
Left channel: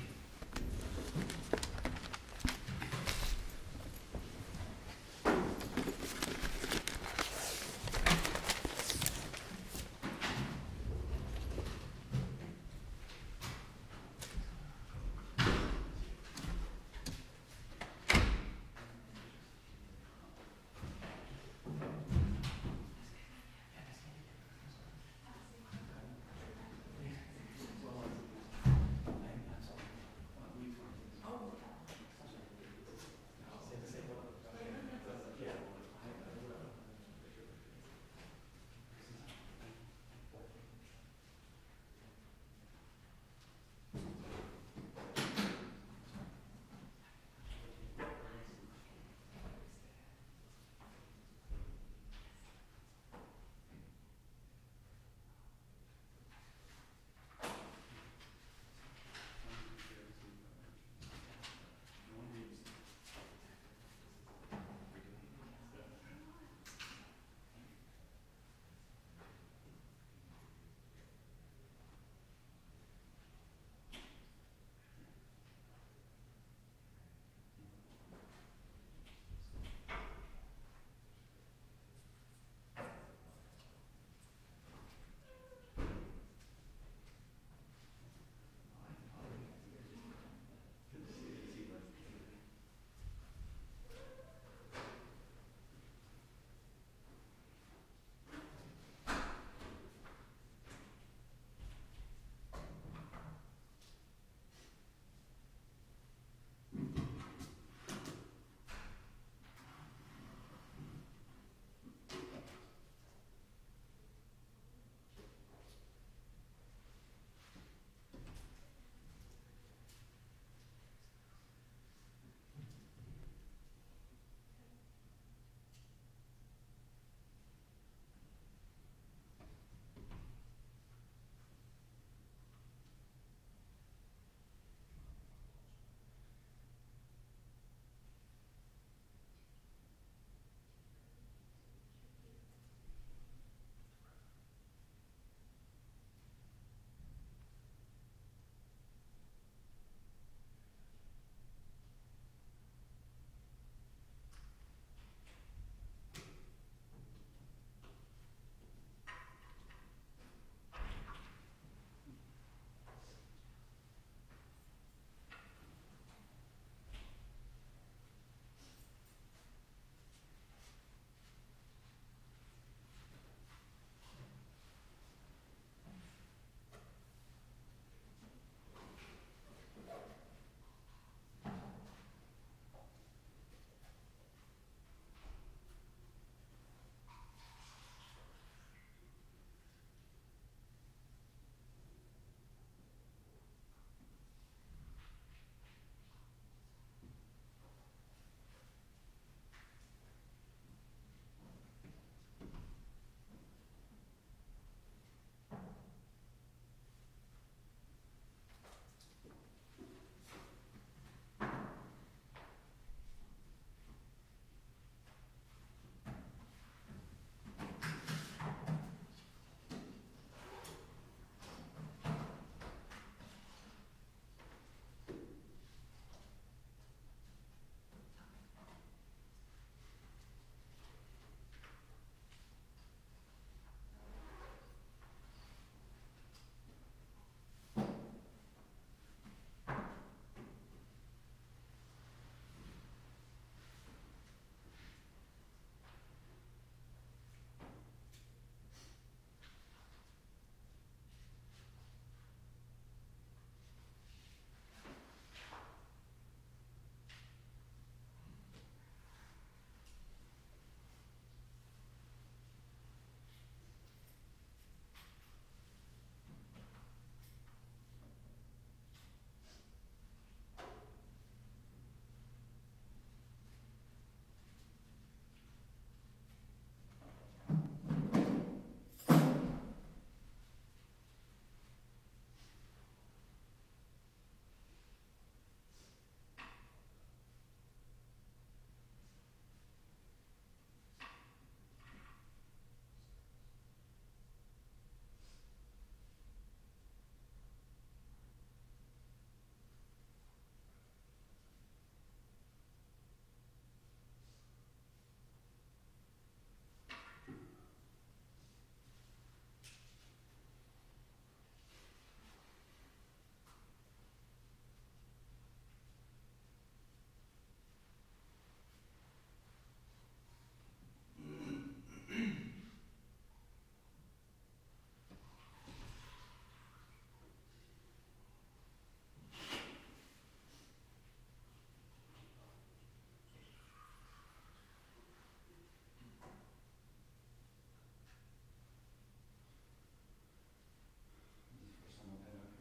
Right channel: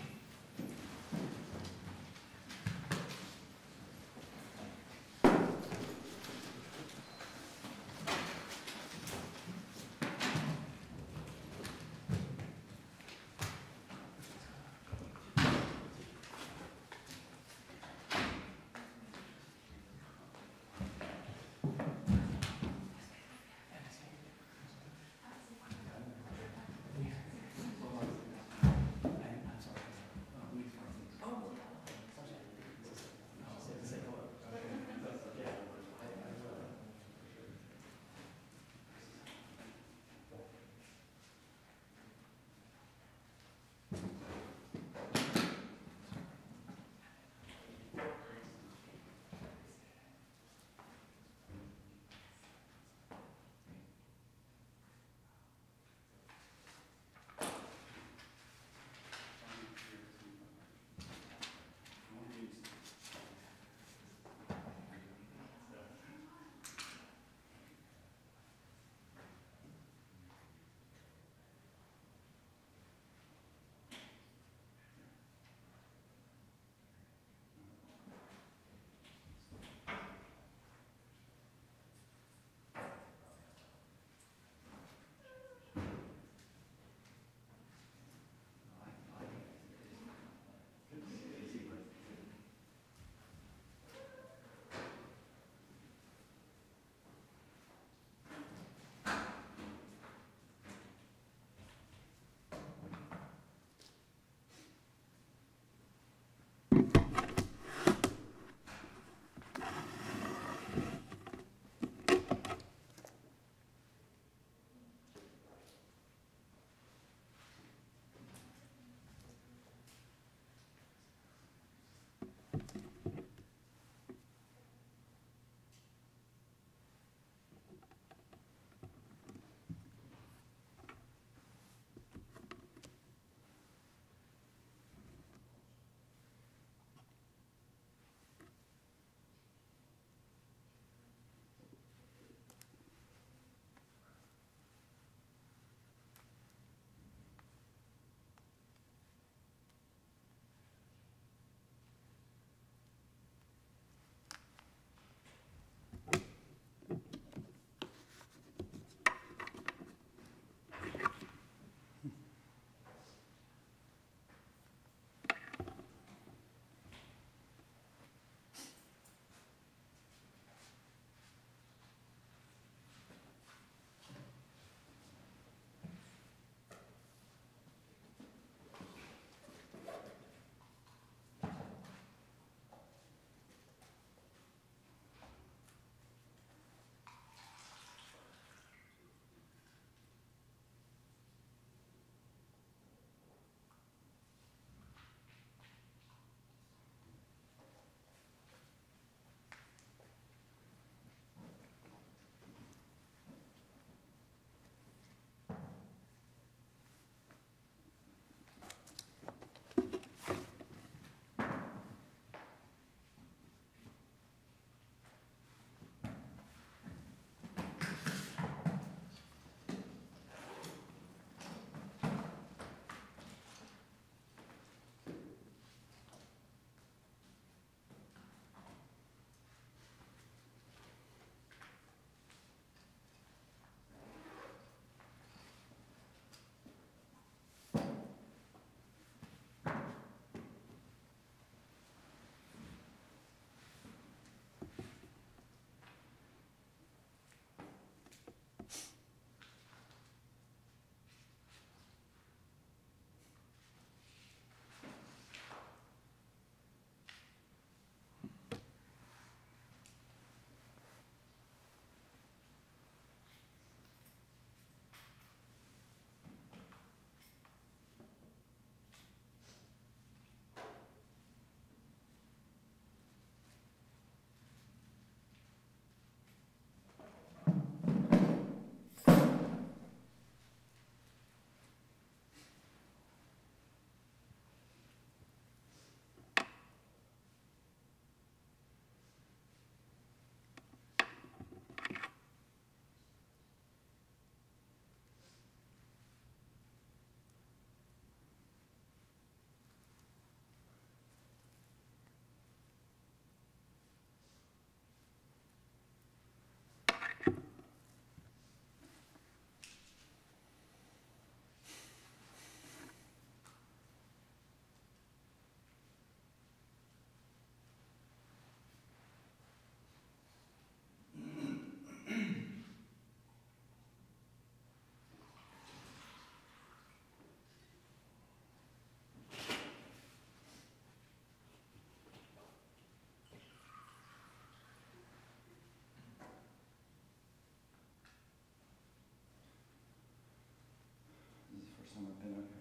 and